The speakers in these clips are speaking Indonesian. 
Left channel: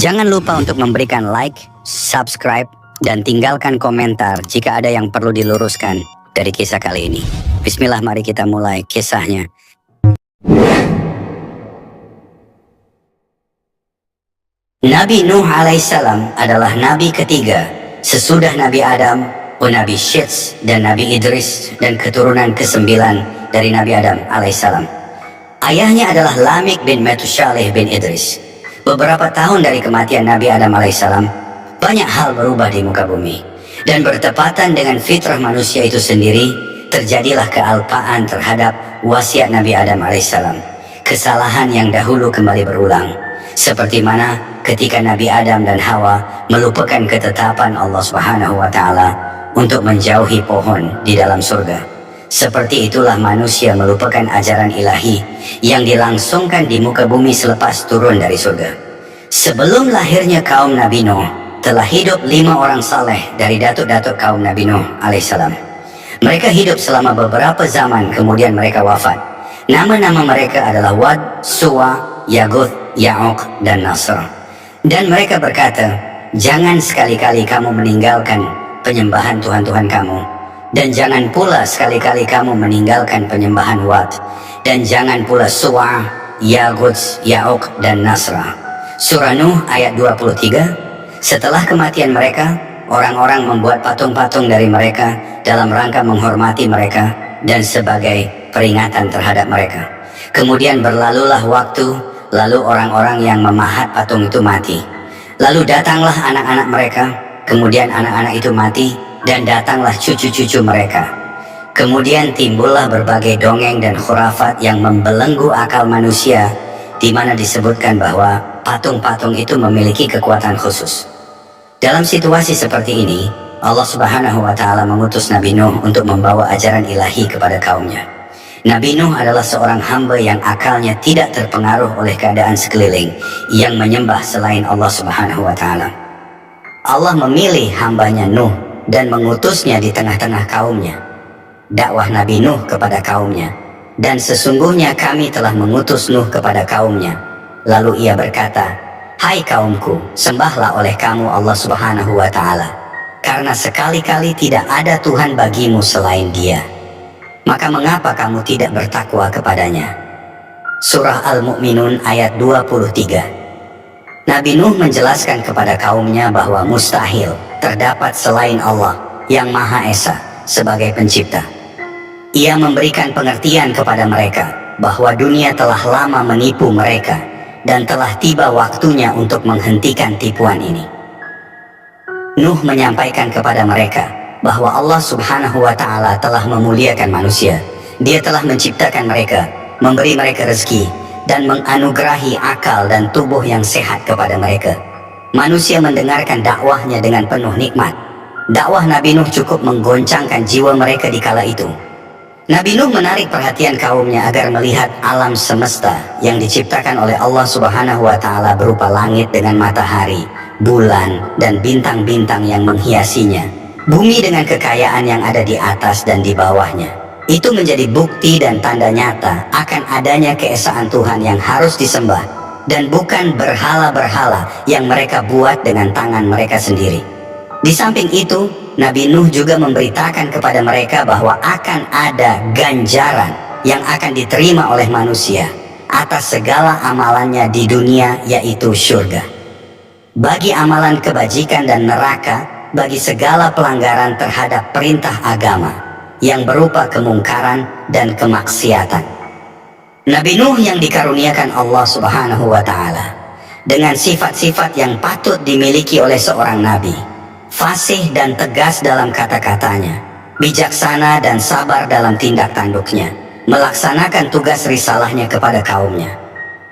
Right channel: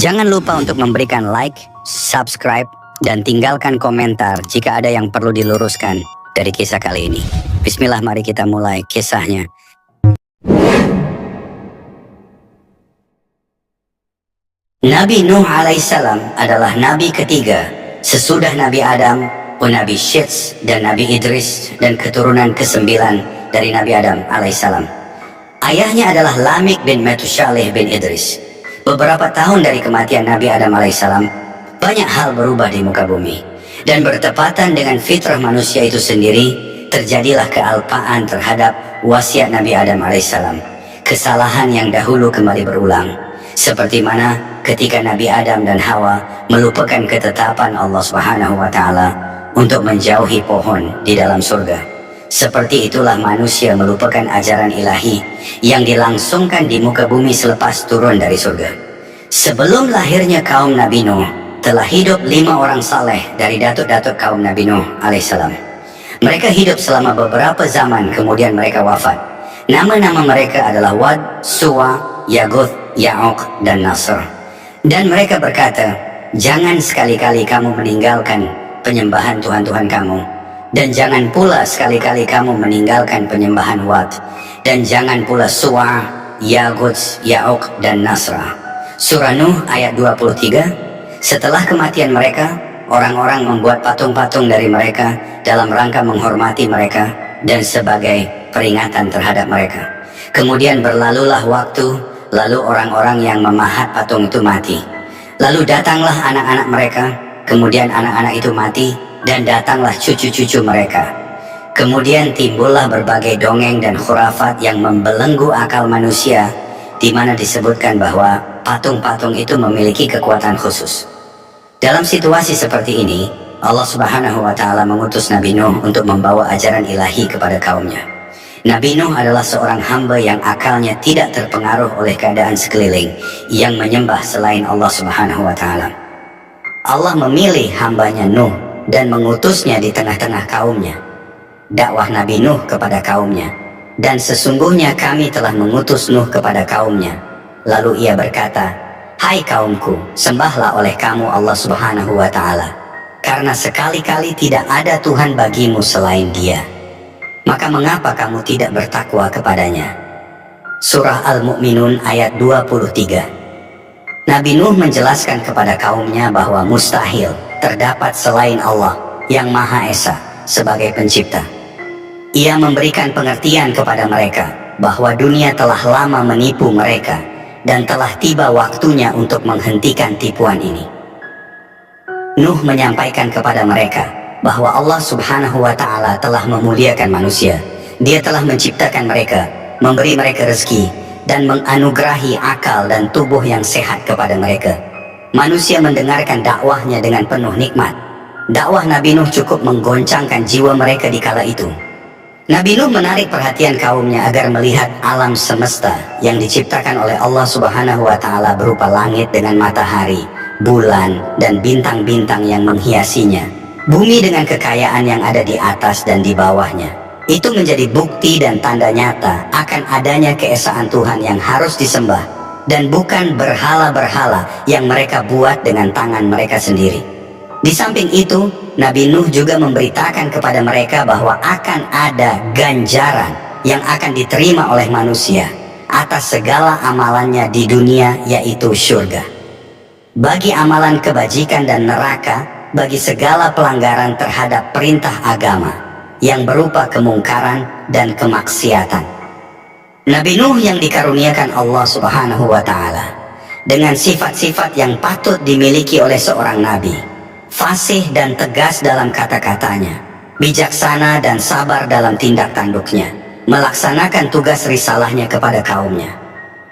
Jangan lupa untuk memberikan like, subscribe, dan tinggalkan komentar jika ada yang perlu diluruskan dari kisah kali ini. Bismillah, mari kita mulai kisahnya. Nabi Nuh alaihissalam adalah nabi ketiga sesudah Nabi Adam, Nabi Syeds, dan Nabi Idris, dan keturunan ke-9 dari Nabi Adam alaihissalam. Ayahnya adalah Lamik bin Metushaleh bin Idris. Beberapa tahun dari kematian Nabi Adam alaihissalam, banyak hal berubah di muka bumi. Dan bertepatan dengan fitrah manusia itu sendiri, terjadilah kealpaan terhadap wasiat Nabi Adam alaihissalam. Kesalahan yang dahulu kembali berulang. Seperti mana ketika Nabi Adam dan Hawa melupakan ketetapan Allah Subhanahu wa Ta'ala untuk menjauhi pohon di dalam surga. Seperti itulah manusia melupakan ajaran ilahi yang dilangsungkan di muka bumi selepas turun dari surga. Sebelum lahirnya kaum Nabi Nuh, telah hidup 5 orang saleh dari datuk-datuk kaum Nabi Nuh alaihissalam. Mereka hidup selama beberapa zaman, kemudian mereka wafat. Nama-nama mereka adalah Wad, Suwa, Yaguth, Ya'uq, dan Nasr. Dan mereka berkata, jangan sekali-kali kamu meninggalkan penyembahan Tuhan-Tuhan kamu. Dan jangan pula sekali-kali kamu meninggalkan penyembahan Wad. Dan jangan pula Suwa, Yaguth, Ya'uq, dan Nasra. Surah Nuh ayat 23. Setelah kematian mereka, orang-orang membuat patung-patung dari mereka dalam rangka menghormati mereka dan sebagai peringatan terhadap mereka. Kemudian berlalulah waktu, lalu orang-orang yang memahat patung itu mati. Lalu datanglah anak-anak mereka, kemudian anak-anak itu mati, dan datanglah cucu-cucu mereka. Kemudian timbullah berbagai dongeng dan khurafat yang membelenggu akal manusia, di mana disebutkan bahwa patung-patung itu memiliki kekuatan khusus. Dalam situasi seperti ini, Allah Subhanahu wa Ta'ala mengutus Nabi Nuh untuk membawa ajaran ilahi kepada kaumnya. Nabi Nuh adalah seorang hamba yang akalnya tidak terpengaruh oleh keadaan sekeliling yang menyembah selain Allah Subhanahu wa Ta'ala. Allah memilih hambanya Nuh dan mengutusnya di tengah-tengah kaumnya. Dakwah Nabi Nuh kepada kaumnya, dan sesungguhnya kami telah mengutus Nuh kepada kaumnya. Lalu ia berkata, hai kaumku, sembahlah oleh kamu Allah Subhanahu wa Ta'ala, karena sekali-kali tidak ada Tuhan bagimu selain Dia. Maka mengapa kamu tidak bertakwa kepadanya? Surah Al-Mu'minun ayat 23. Nabi Nuh menjelaskan kepada kaumnya bahwa mustahil terdapat selain Allah yang Maha Esa sebagai pencipta. Ia memberikan pengertian kepada mereka bahwa dunia telah lama menipu mereka dan telah tiba waktunya untuk menghentikan tipuan ini. Nuh menyampaikan kepada mereka bahwa Allah Subhanahu wa Ta'ala telah memuliakan manusia. Dia telah menciptakan mereka, memberi mereka rezeki, dan menganugerahi akal dan tubuh yang sehat kepada mereka. Manusia mendengarkan dakwahnya dengan penuh nikmat. Dakwah Nabi Nuh cukup menggoncangkan jiwa mereka di kala itu. Nabi Nuh menarik perhatian kaumnya agar melihat alam semesta yang diciptakan oleh Allah Subhanahu wa Ta'ala berupa langit dengan matahari, bulan, dan bintang-bintang yang menghiasinya, bumi dengan kekayaan yang ada di atas dan di bawahnya. Itu menjadi bukti dan tanda nyata akan adanya keesaan Tuhan yang harus disembah, dan bukan berhala-berhala yang mereka buat dengan tangan mereka sendiri. Di samping itu, Nabi Nuh juga memberitakan kepada mereka bahwa akan ada ganjaran yang akan diterima oleh manusia atas segala amalannya di dunia, yaitu surga. Bagi amalan kebajikan dan neraka bagi segala pelanggaran terhadap perintah agama yang berupa kemungkaran dan kemaksiatan. Nabi Nuh yang dikaruniakan Allah Subhanahu wa Ta'ala dengan sifat-sifat yang patut dimiliki oleh seorang nabi, fasih dan tegas dalam kata-katanya, bijaksana dan sabar dalam tindak tanduknya, melaksanakan tugas risalahnya kepada kaumnya.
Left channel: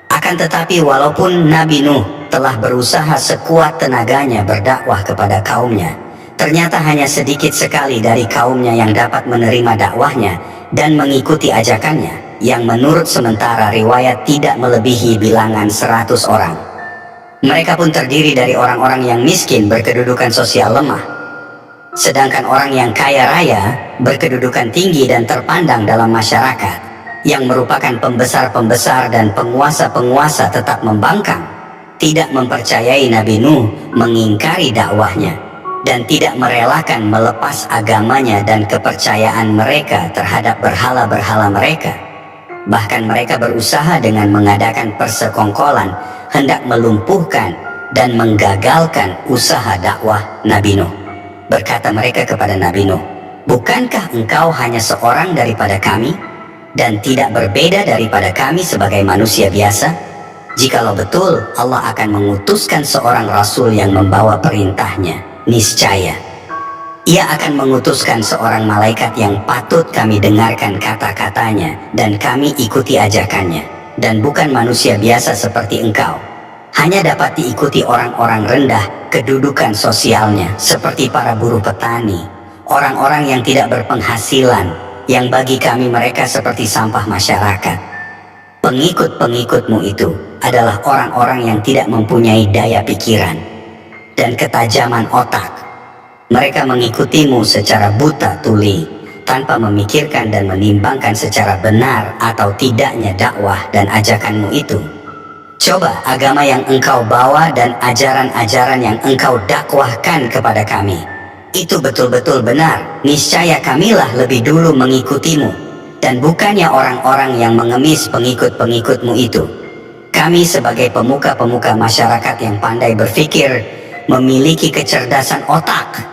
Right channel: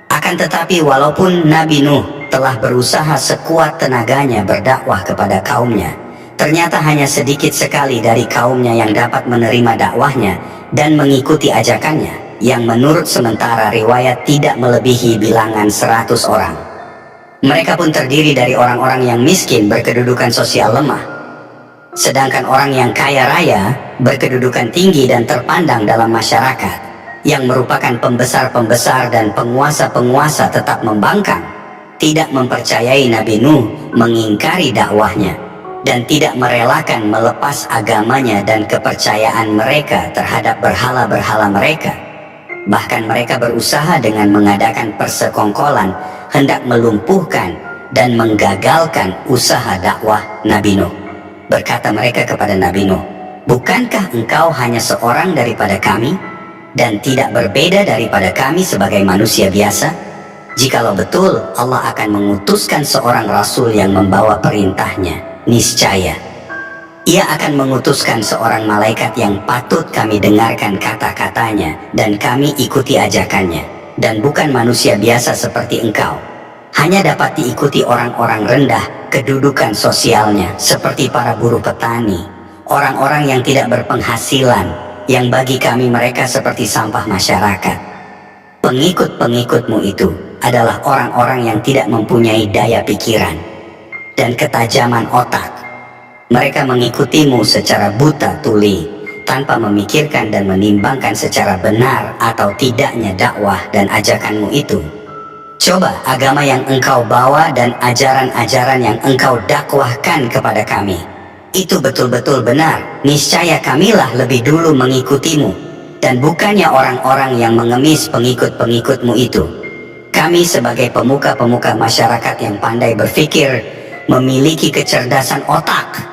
Akan tetapi walaupun Nabi Nuh telah berusaha sekuat tenaganya berdakwah kepada kaumnya, ternyata hanya sedikit sekali dari kaumnya yang dapat menerima dakwahnya dan mengikuti ajakannya, yang menurut sementara riwayat tidak melebihi bilangan 100 orang. Mereka pun terdiri dari orang-orang yang miskin berkedudukan sosial lemah, sedangkan orang yang kaya raya berkedudukan tinggi dan terpandang dalam masyarakat, yang merupakan pembesar-pembesar dan penguasa-penguasa tetap membangkang. tidak mempercayai Nabi Nuh, mengingkari dakwahnya, dan tidak merelakan melepas agamanya dan kepercayaan mereka terhadap berhala-berhala mereka. Bahkan mereka berusaha dengan mengadakan persekongkolan hendak melumpuhkan dan menggagalkan usaha dakwah Nabi Nuh. Berkata mereka kepada Nabi Nuh, "Bukankah engkau hanya seorang daripada kami dan tidak berbeda daripada kami sebagai manusia biasa? Jikalau betul Allah akan mengutuskan seorang rasul yang membawa perintahnya, niscaya Ia akan mengutuskan seorang malaikat yang patut kami dengarkan kata-katanya dan kami ikuti ajakannya, dan bukan manusia biasa seperti engkau. Hanya dapat diikuti orang-orang rendah kedudukan sosialnya seperti para buruh petani, orang-orang yang tidak berpenghasilan, yang bagi kami mereka seperti sampah masyarakat. Pengikut-pengikutmu itu adalah orang-orang yang tidak mempunyai daya pikiran dan ketajaman otak. Mereka mengikutimu secara buta tuli, tanpa memikirkan dan menimbangkan secara benar atau tidaknya dakwah dan ajakanmu itu. Coba agama yang engkau bawa dan ajaran-ajaran yang engkau dakwahkan kepada kami itu betul-betul benar, niscaya kamilah lebih dulu mengikutimu, dan bukannya orang-orang yang mengemis pengikut-pengikutmu itu. Kami sebagai pemuka-pemuka masyarakat yang pandai berpikir, memiliki kecerdasan otak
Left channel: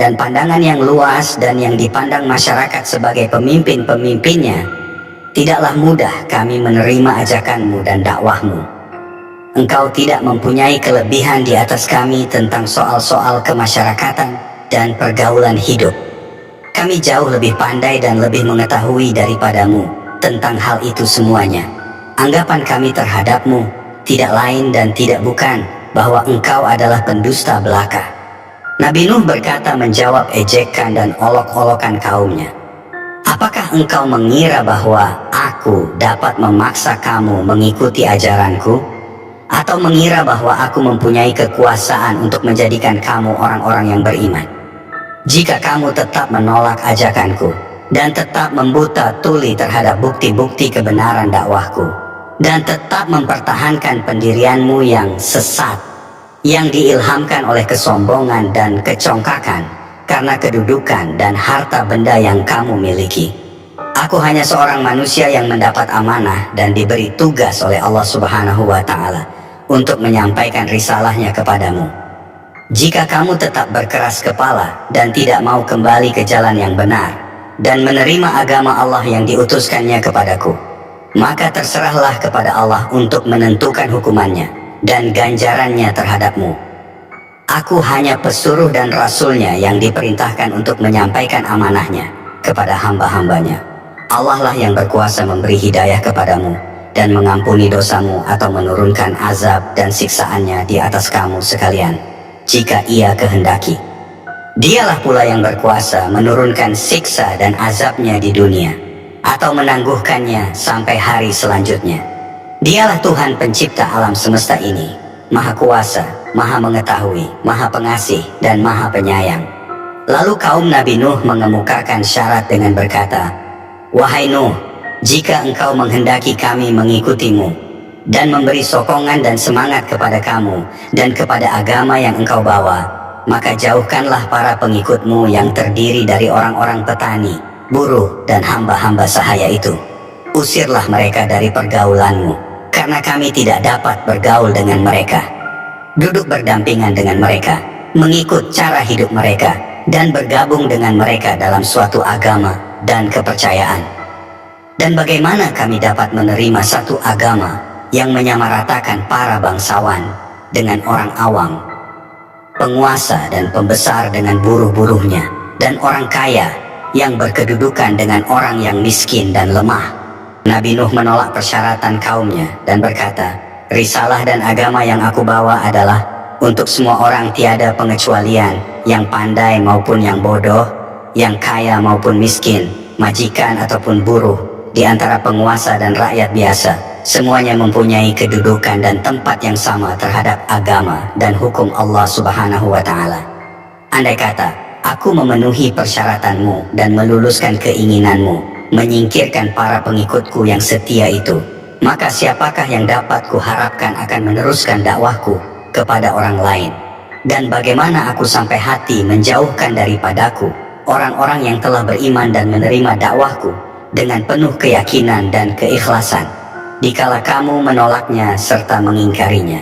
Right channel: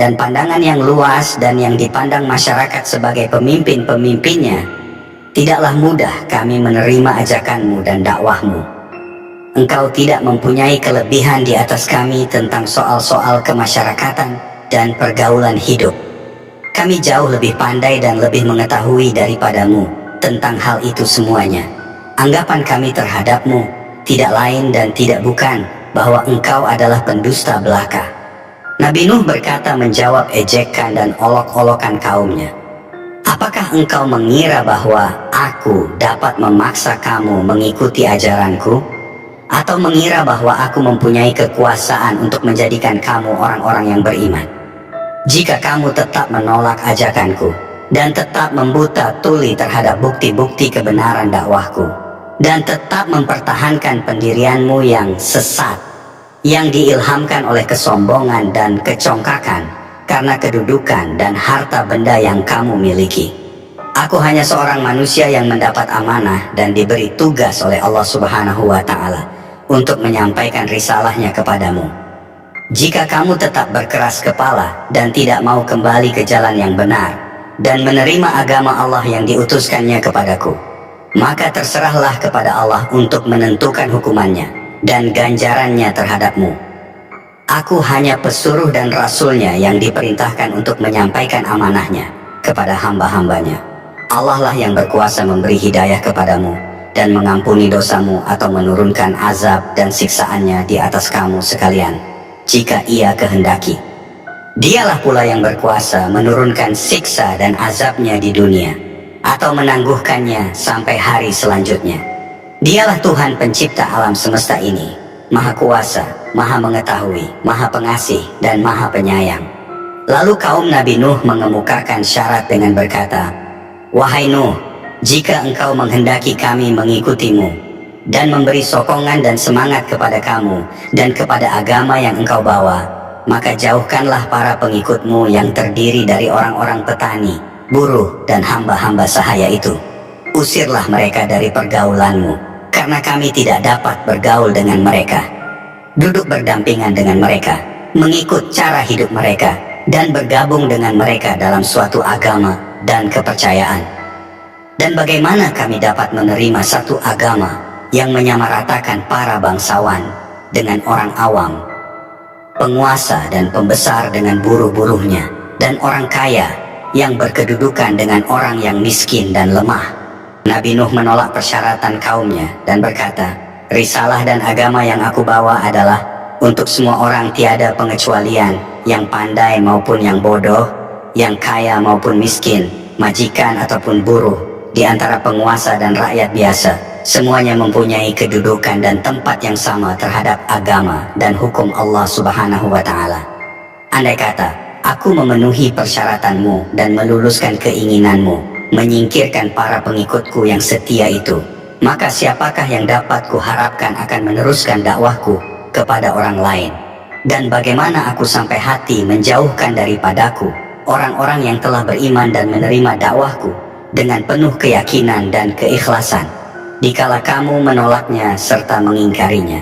dan pandangan yang luas dan yang dipandang masyarakat sebagai pemimpin-pemimpinnya, tidaklah mudah kami menerima ajakanmu dan dakwahmu. Engkau tidak mempunyai kelebihan di atas kami tentang soal-soal kemasyarakatan dan pergaulan hidup. Kami jauh lebih pandai dan lebih mengetahui daripadamu tentang hal itu semuanya. Anggapan kami terhadapmu tidak lain dan tidak bukan bahwa engkau adalah pendusta belaka." Nabi Nuh berkata menjawab ejekan dan olok-olokan kaumnya, "Apakah engkau mengira bahwa aku dapat memaksa kamu mengikuti ajaranku? Atau mengira bahwa aku mempunyai kekuasaan untuk menjadikan kamu orang-orang yang beriman? Jika kamu tetap menolak ajakanku dan tetap membuta tuli terhadap bukti-bukti kebenaran dakwahku, dan tetap mempertahankan pendirianmu yang sesat, yang diilhamkan oleh kesombongan dan kecongkakan karena kedudukan dan harta benda yang kamu miliki. Aku hanya seorang manusia yang mendapat amanah dan diberi tugas oleh Allah Subhanahu wa Ta'ala untuk menyampaikan risalahnya kepadamu. Jika kamu tetap berkeras kepala dan tidak mau kembali ke jalan yang benar dan menerima agama Allah yang diutuskannya kepadaku, maka terserahlah kepada Allah untuk menentukan hukumannya dan ganjarannya terhadapmu. Aku hanya pesuruh dan rasulnya yang diperintahkan untuk menyampaikan amanahnya kepada hamba-hambanya. Allah lah yang berkuasa memberi hidayah kepadamu dan mengampuni dosamu atau menurunkan azab dan siksaannya di atas kamu sekalian, jika Ia kehendaki. Dialah pula yang berkuasa menurunkan siksa dan azabnya di dunia, atau menangguhkannya sampai hari selanjutnya. Dialah Tuhan pencipta alam semesta ini, Maha Kuasa, Maha Mengetahui, Maha Pengasih, dan Maha Penyayang. Lalu kaum Nabi Nuh mengemukakan syarat dengan berkata, "Wahai Nuh, jika engkau menghendaki kami mengikutimu dan memberi sokongan dan semangat kepada kamu dan kepada agama yang engkau bawa, maka jauhkanlah para pengikutmu yang terdiri dari orang-orang petani, buruh, dan hamba-hamba sahaya itu. Usirlah mereka dari pergaulanmu, karena kami tidak dapat bergaul dengan mereka. Duduk berdampingan dengan mereka, mengikut cara hidup mereka, dan bergabung dengan mereka dalam suatu agama dan kepercayaan. Dan bagaimana kami dapat menerima satu agama yang menyamaratakan para bangsawan dengan orang awam, penguasa dan pembesar dengan buruh-buruhnya, dan orang kaya yang berkedudukan dengan orang yang miskin dan lemah?" Nabi Nuh menolak persyaratan kaumnya dan berkata, "Risalah dan agama yang aku bawa adalah untuk semua orang tiada pengecualian, yang pandai maupun yang bodoh, yang kaya maupun miskin, majikan ataupun buruh, di antara penguasa dan rakyat biasa. Semuanya mempunyai kedudukan dan tempat yang sama terhadap agama dan hukum Allah Subhanahu wa Ta'ala. Andai kata aku memenuhi persyaratanmu dan meluluskan keinginanmu, menyingkirkan para pengikutku yang setia itu, maka siapakah yang dapat kuharapkan akan meneruskan dakwahku kepada orang lain? Dan bagaimana aku sampai hati menjauhkan daripadaku orang-orang yang telah beriman dan menerima dakwahku dengan penuh keyakinan dan keikhlasan, dikala kamu menolaknya serta mengingkarinya.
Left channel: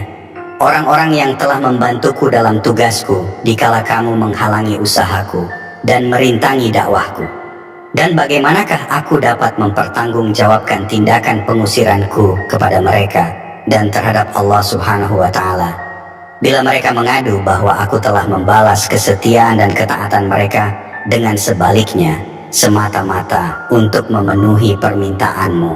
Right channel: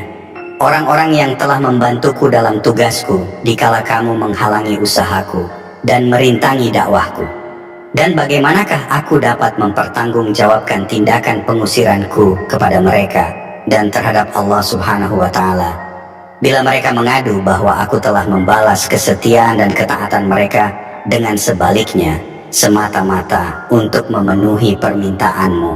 Orang-orang yang telah membantuku dalam tugasku dikala kamu menghalangi usahaku dan merintangi dakwahku. Dan bagaimanakah aku dapat mempertanggungjawabkan tindakan pengusiranku kepada mereka dan terhadap Allah Subhanahu wa Ta'ala, bila mereka mengadu bahwa aku telah membalas kesetiaan dan ketaatan mereka dengan sebaliknya, semata-mata untuk memenuhi permintaanmu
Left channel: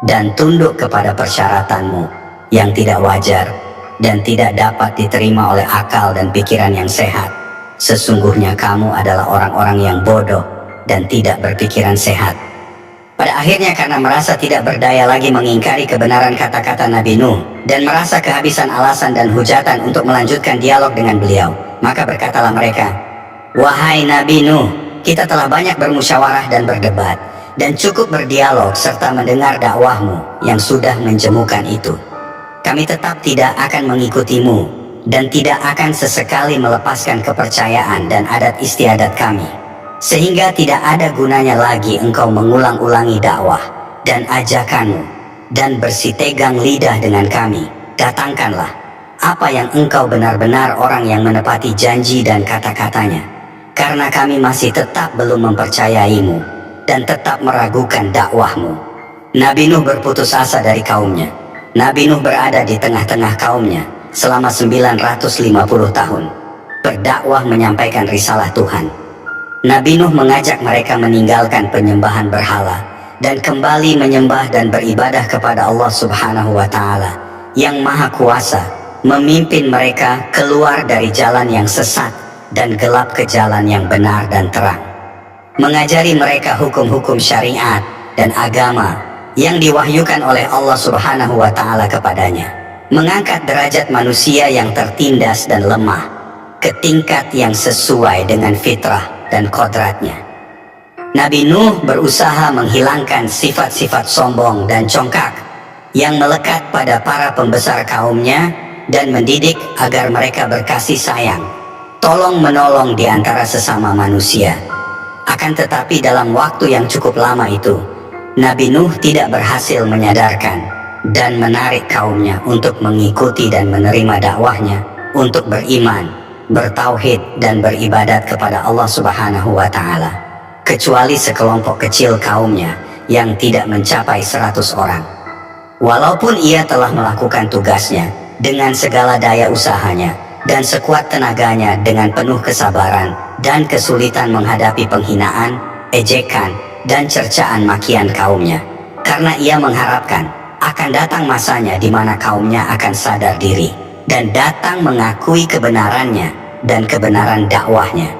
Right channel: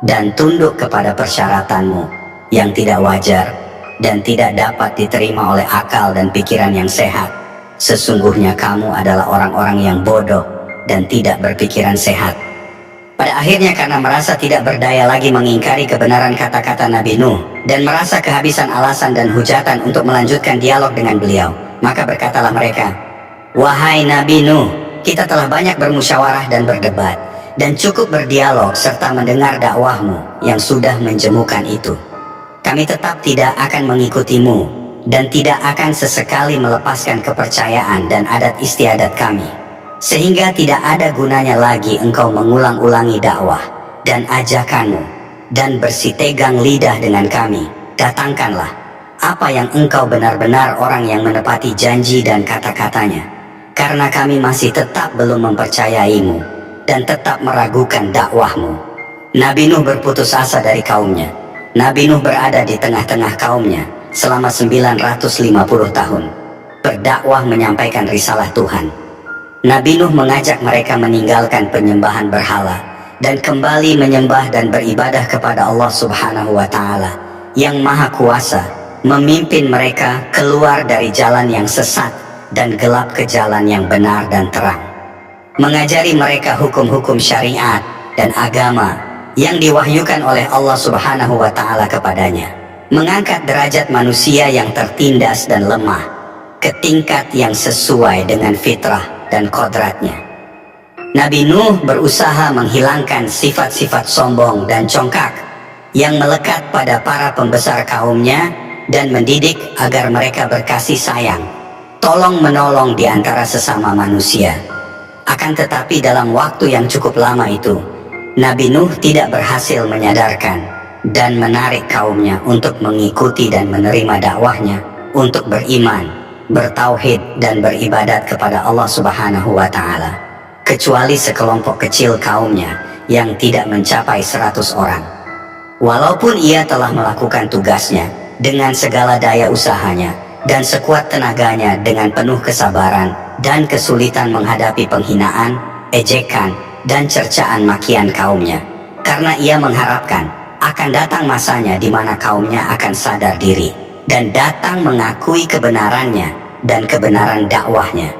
dan tunduk kepada persyaratanmu yang tidak wajar dan tidak dapat diterima oleh akal dan pikiran yang sehat. Sesungguhnya kamu adalah orang-orang yang bodoh dan tidak berpikiran sehat. Pada akhirnya, karena merasa tidak berdaya lagi mengingkari kebenaran kata-kata Nabi Nuh dan merasa kehabisan alasan dan hujatan untuk melanjutkan dialog dengan beliau, maka berkatalah mereka, "Wahai Nabi Nuh, kita telah banyak bermusyawarah dan berdebat dan cukup berdialog serta mendengar dakwahmu yang sudah menjemukan itu. Kami tetap tidak akan mengikutimu dan tidak akan sesekali melepaskan kepercayaan dan adat istiadat kami. Sehingga tidak ada gunanya lagi engkau mengulang-ulangi dakwah dan ajakanmu dan bersitegang lidah dengan kami. Datangkanlah apa yang engkau benar-benar orang yang menepati janji dan kata-katanya, karena kami masih tetap belum mempercayaimu dan tetap meragukan dakwahmu." Nabi Nuh berputus asa dari kaumnya. Nabi Nuh berada di tengah-tengah kaumnya selama 950 tahun, berdakwah menyampaikan risalah Tuhan. Nabi Nuh mengajak mereka meninggalkan penyembahan berhala dan kembali menyembah dan beribadah kepada Allah Subhanahu wa Ta'ala yang Maha Kuasa, memimpin mereka keluar dari jalan yang sesat dan gelap ke jalan yang benar dan terang. Mengajari mereka hukum-hukum syariat dan agama yang diwahyukan oleh Allah Subhanahu wa Ta'ala kepadanya. Mengangkat derajat manusia yang tertindas dan lemah ke tingkat yang sesuai dengan fitrah dan kodratnya. Nabi Nuh berusaha menghilangkan sifat-sifat sombong dan congkak yang melekat pada para pembesar kaumnya dan mendidik agar mereka berkasih sayang, tolong menolong di antara sesama manusia. Akan tetapi dalam waktu yang cukup lama itu, Nabi Nuh tidak berhasil menyadarkan dan menarik kaumnya untuk mengikuti dan menerima dakwahnya untuk beriman, bertauhid dan beribadat kepada Allah Subhanahu wa Ta'ala, kecuali sekelompok kecil kaumnya yang tidak mencapai 100 orang. Walaupun ia telah melakukan tugasnya dengan segala daya usahanya dan sekuat tenaganya dengan penuh kesabaran dan kesulitan menghadapi penghinaan, ejekan dan cercaan makian kaumnya, karena ia mengharapkan akan datang masanya di mana kaumnya akan sadar diri dan datang mengakui kebenarannya dan kebenaran dakwahnya.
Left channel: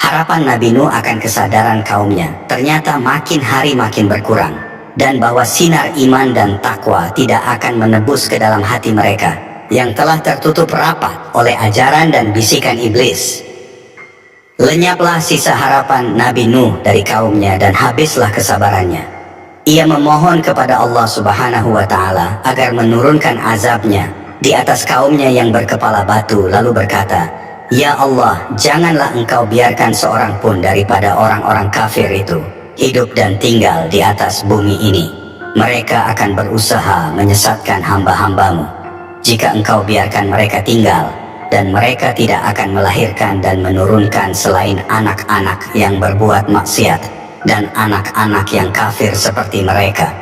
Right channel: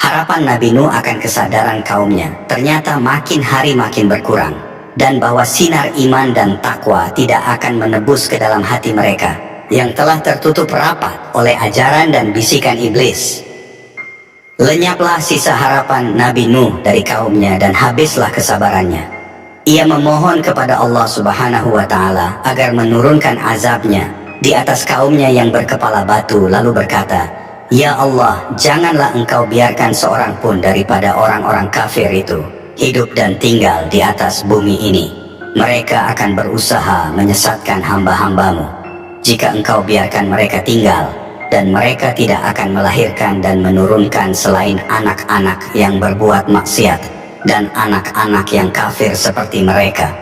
Harapan Nabi Nuh akan kesadaran kaumnya ternyata makin hari makin berkurang, dan bahwa sinar iman dan takwa tidak akan menebus ke dalam hati mereka yang telah tertutup rapat oleh ajaran dan bisikan iblis. Lenyaplah sisa harapan Nabi Nuh dari kaumnya dan habislah kesabarannya. Ia memohon kepada Allah Subhanahu wa Ta'ala agar menurunkan azabnya di atas kaumnya yang berkepala batu, lalu berkata, "Ya Allah, janganlah engkau biarkan seorang pun daripada orang-orang kafir itu hidup dan tinggal di atas bumi ini. Mereka akan berusaha menyesatkan hamba-hambamu. Jika engkau biarkan mereka tinggal, dan mereka tidak akan melahirkan dan menurunkan selain anak-anak yang berbuat maksiat dan anak-anak yang kafir seperti mereka."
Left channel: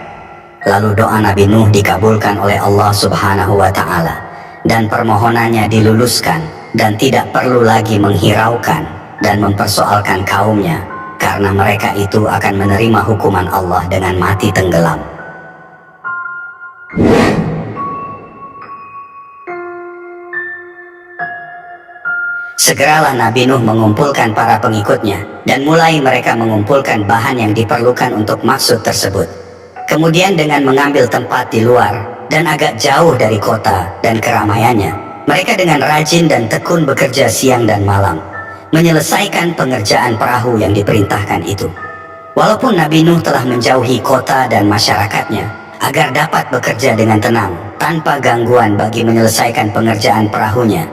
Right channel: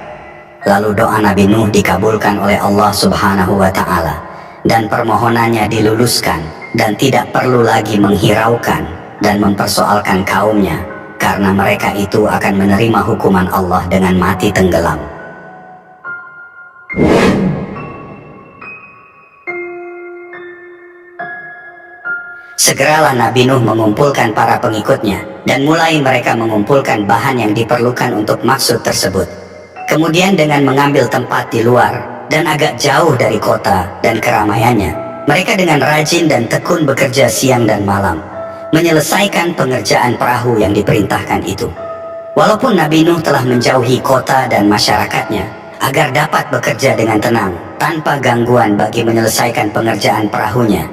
Lalu doa Nabi Nuh dikabulkan oleh Allah Subhanahu wa Ta'ala dan permohonannya diluluskan, dan tidak perlu lagi menghiraukan dan mempersoalkan kaumnya, karena mereka itu akan menerima hukuman Allah dengan mati tenggelam. Segeralah Nabi Nuh mengumpulkan para pengikutnya dan mulai mereka mengumpulkan bahan yang diperlukan untuk maksud tersebut. Kemudian dengan mengambil tempat di luar dan agak jauh dari kota dan keramaiannya, mereka dengan rajin dan tekun bekerja siang dan malam, menyelesaikan pengerjaan perahu yang diperintahkan itu. Walaupun Nabi Nuh telah menjauhi kota dan masyarakatnya, agar dapat bekerja dengan tenang tanpa gangguan bagi menyelesaikan pengerjaan perahunya.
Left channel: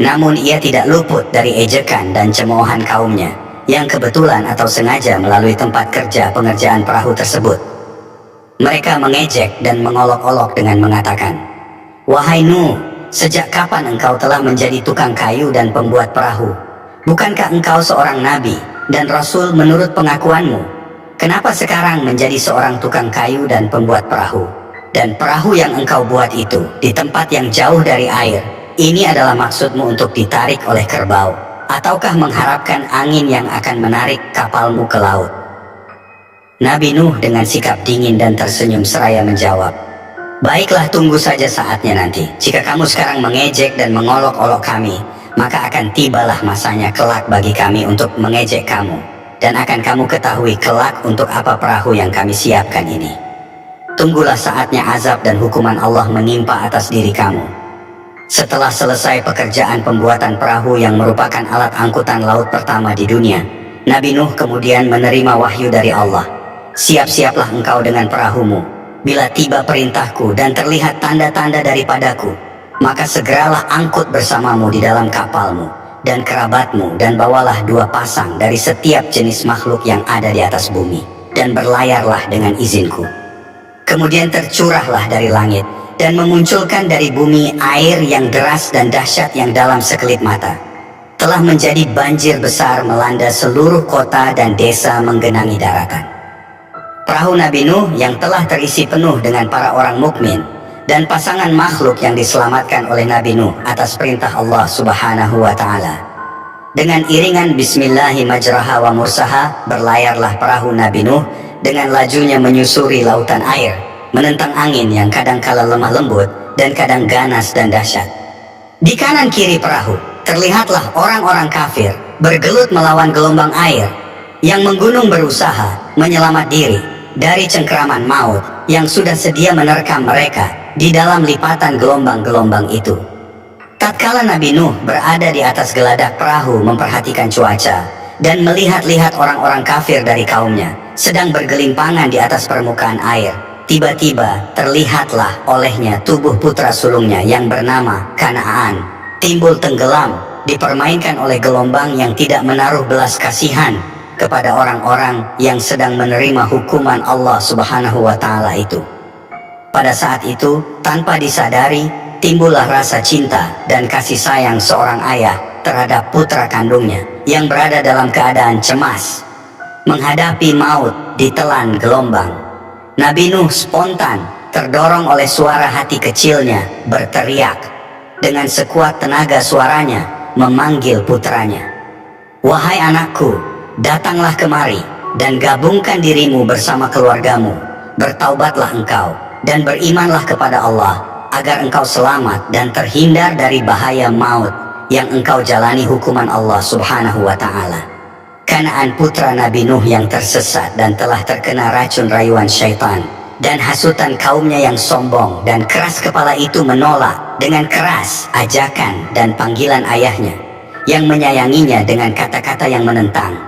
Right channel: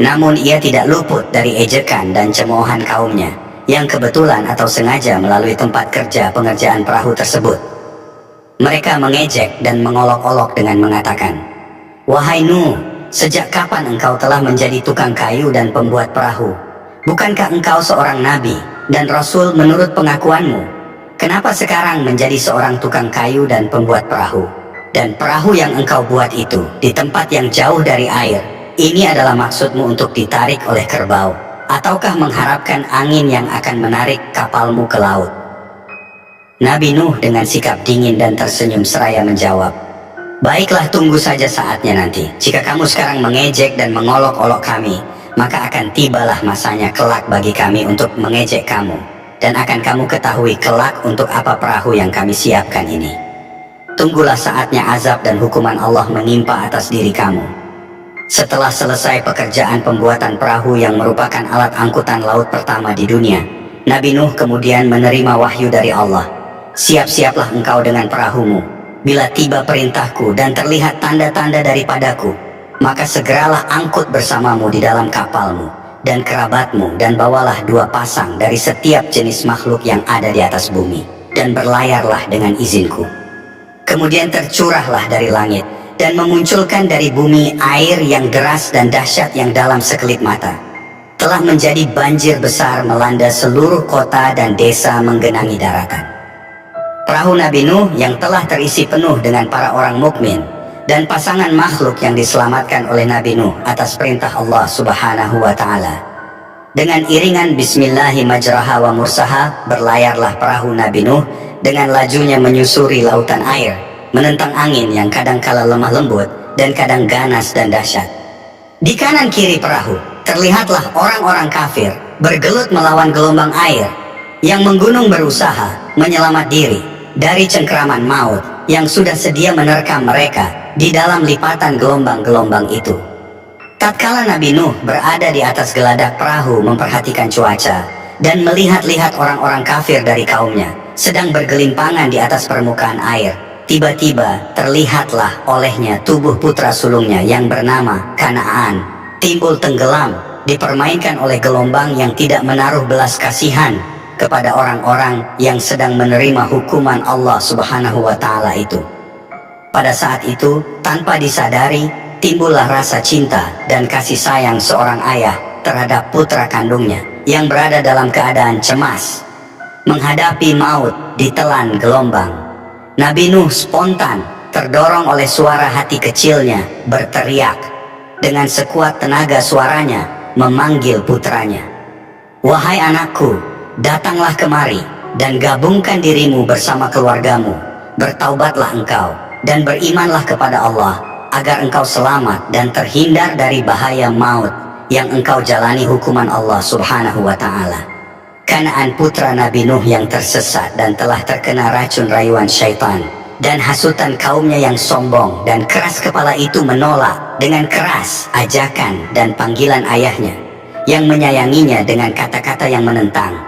Namun ia tidak luput dari ejekan dan cemoohan kaumnya yang kebetulan atau sengaja melalui tempat kerja pengerjaan perahu tersebut. Mereka mengejek dan mengolok-olok dengan mengatakan, "Wahai Nuh, sejak kapan engkau telah menjadi tukang kayu dan pembuat perahu? Bukankah engkau seorang nabi dan rasul menurut pengakuanmu? Kenapa sekarang menjadi seorang tukang kayu dan pembuat perahu? Dan perahu yang engkau buat itu di tempat yang jauh dari air, ini adalah maksudmu untuk ditarik oleh kerbau, ataukah mengharapkan angin yang akan menarik kapalmu ke laut?" Nabi Nuh dengan sikap dingin dan tersenyum seraya menjawab, "Baiklah, tunggu saja saatnya nanti. Jika kamu sekarang mengejek dan mengolok-olok kami, maka akan tibalah masanya kelak bagi kami untuk mengejek kamu. Dan akan kamu ketahui kelak untuk apa perahu yang kami siapkan ini. Tunggulah saatnya azab dan hukuman Allah menimpa atas diri kamu." Setelah selesai pekerjaan pembuatan perahu yang merupakan alat angkutan laut pertama di dunia, Nabi Nuh kemudian menerima wahyu dari Allah. "Siap-siaplah engkau dengan perahumu. Bila tiba perintahku dan terlihat tanda-tanda daripadaku, maka segeralah angkut bersamamu di dalam kapalmu dan kerabatmu, dan bawalah 2 pasang dari setiap jenis makhluk yang ada di atas bumi, dan berlayarlah dengan izinku." Kemudian tercurahlah dari langit dan memunculkan dari bumi air yang deras dan dahsyat yang dalam sekelip mata. Telah menjadi banjir besar melanda seluruh kota dan desa menggenangi daratan. Perahu Nabi Nuh yang telah terisi penuh dengan para orang mukmin dan pasangan makhluk yang diselamatkan oleh Nabi Nuh atas perintah Allah Subhanahu wa Ta'ala. Dengan iringan Bismillahi majraha wa mursaha, berlayarlah perahu Nabi Nuh dengan lajunya menyusuri lautan air, menentang angin yang kadangkala lemah lembut dan kadang ganas dan dahsyat. Di kanan kiri perahu terlihatlah orang-orang kafir bergelut melawan gelombang air yang menggunung berusaha menyelamat diri dari cengkraman maut yang sudah sedia menerkam mereka di dalam lipatan gelombang-gelombang itu. Tatkala Nabi Nuh berada di atas geladak perahu memperhatikan cuaca dan melihat-lihat orang-orang kafir dari kaumnya sedang bergelimpangan di atas permukaan air, tiba-tiba terlihatlah olehnya tubuh putra sulungnya yang bernama Kanaan timbul tenggelam, dipermainkan oleh gelombang yang tidak menaruh belas kasihan kepada orang-orang yang sedang menerima hukuman Allah Subhanahu wa Ta'ala itu. Pada saat itu, tanpa disadari, timbullah rasa cinta dan kasih sayang seorang ayah terhadap putra kandungnya yang berada dalam keadaan cemas menghadapi maut ditelan gelombang. Nabi Nuh spontan terdorong oleh suara hati kecilnya berteriak. Dengan sekuat tenaga suaranya memanggil putranya, "Wahai anakku, datanglah kemari dan gabungkan dirimu bersama keluargamu. Bertaubatlah engkau dan berimanlah kepada Allah agar engkau selamat dan terhindar dari bahaya maut yang engkau jalani hukuman Allah Subhanahu wa Ta'ala." Kanaan putra Nabi Nuh yang tersesat dan telah terkena racun rayuan syaitan dan hasutan kaumnya yang sombong dan keras kepala itu menolak dengan keras ajakan dan panggilan ayahnya yang menyayanginya dengan kata-kata yang menentang.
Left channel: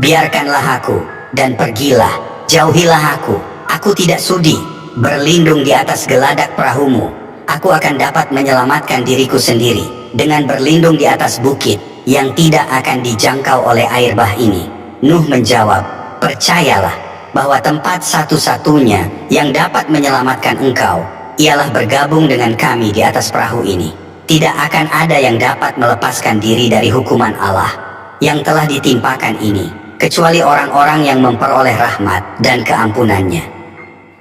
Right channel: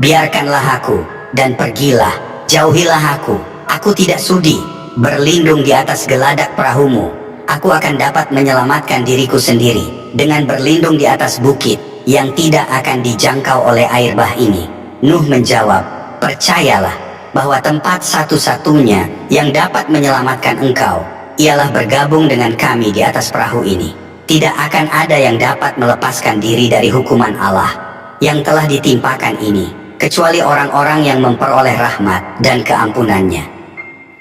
"Biarkanlah aku dan pergilah, jauhilah aku. Aku tidak sudi berlindung di atas geladak perahumu. Aku akan dapat menyelamatkan diriku sendiri dengan berlindung di atas bukit yang tidak akan dijangkau oleh air bah ini." Nuh menjawab, "Percayalah bahwa tempat satu-satunya yang dapat menyelamatkan engkau ialah bergabung dengan kami di atas perahu ini. Tidak akan ada yang dapat melepaskan diri dari hukuman Allah yang telah ditimpakan ini, kecuali orang-orang yang memperoleh rahmat dan keampunannya."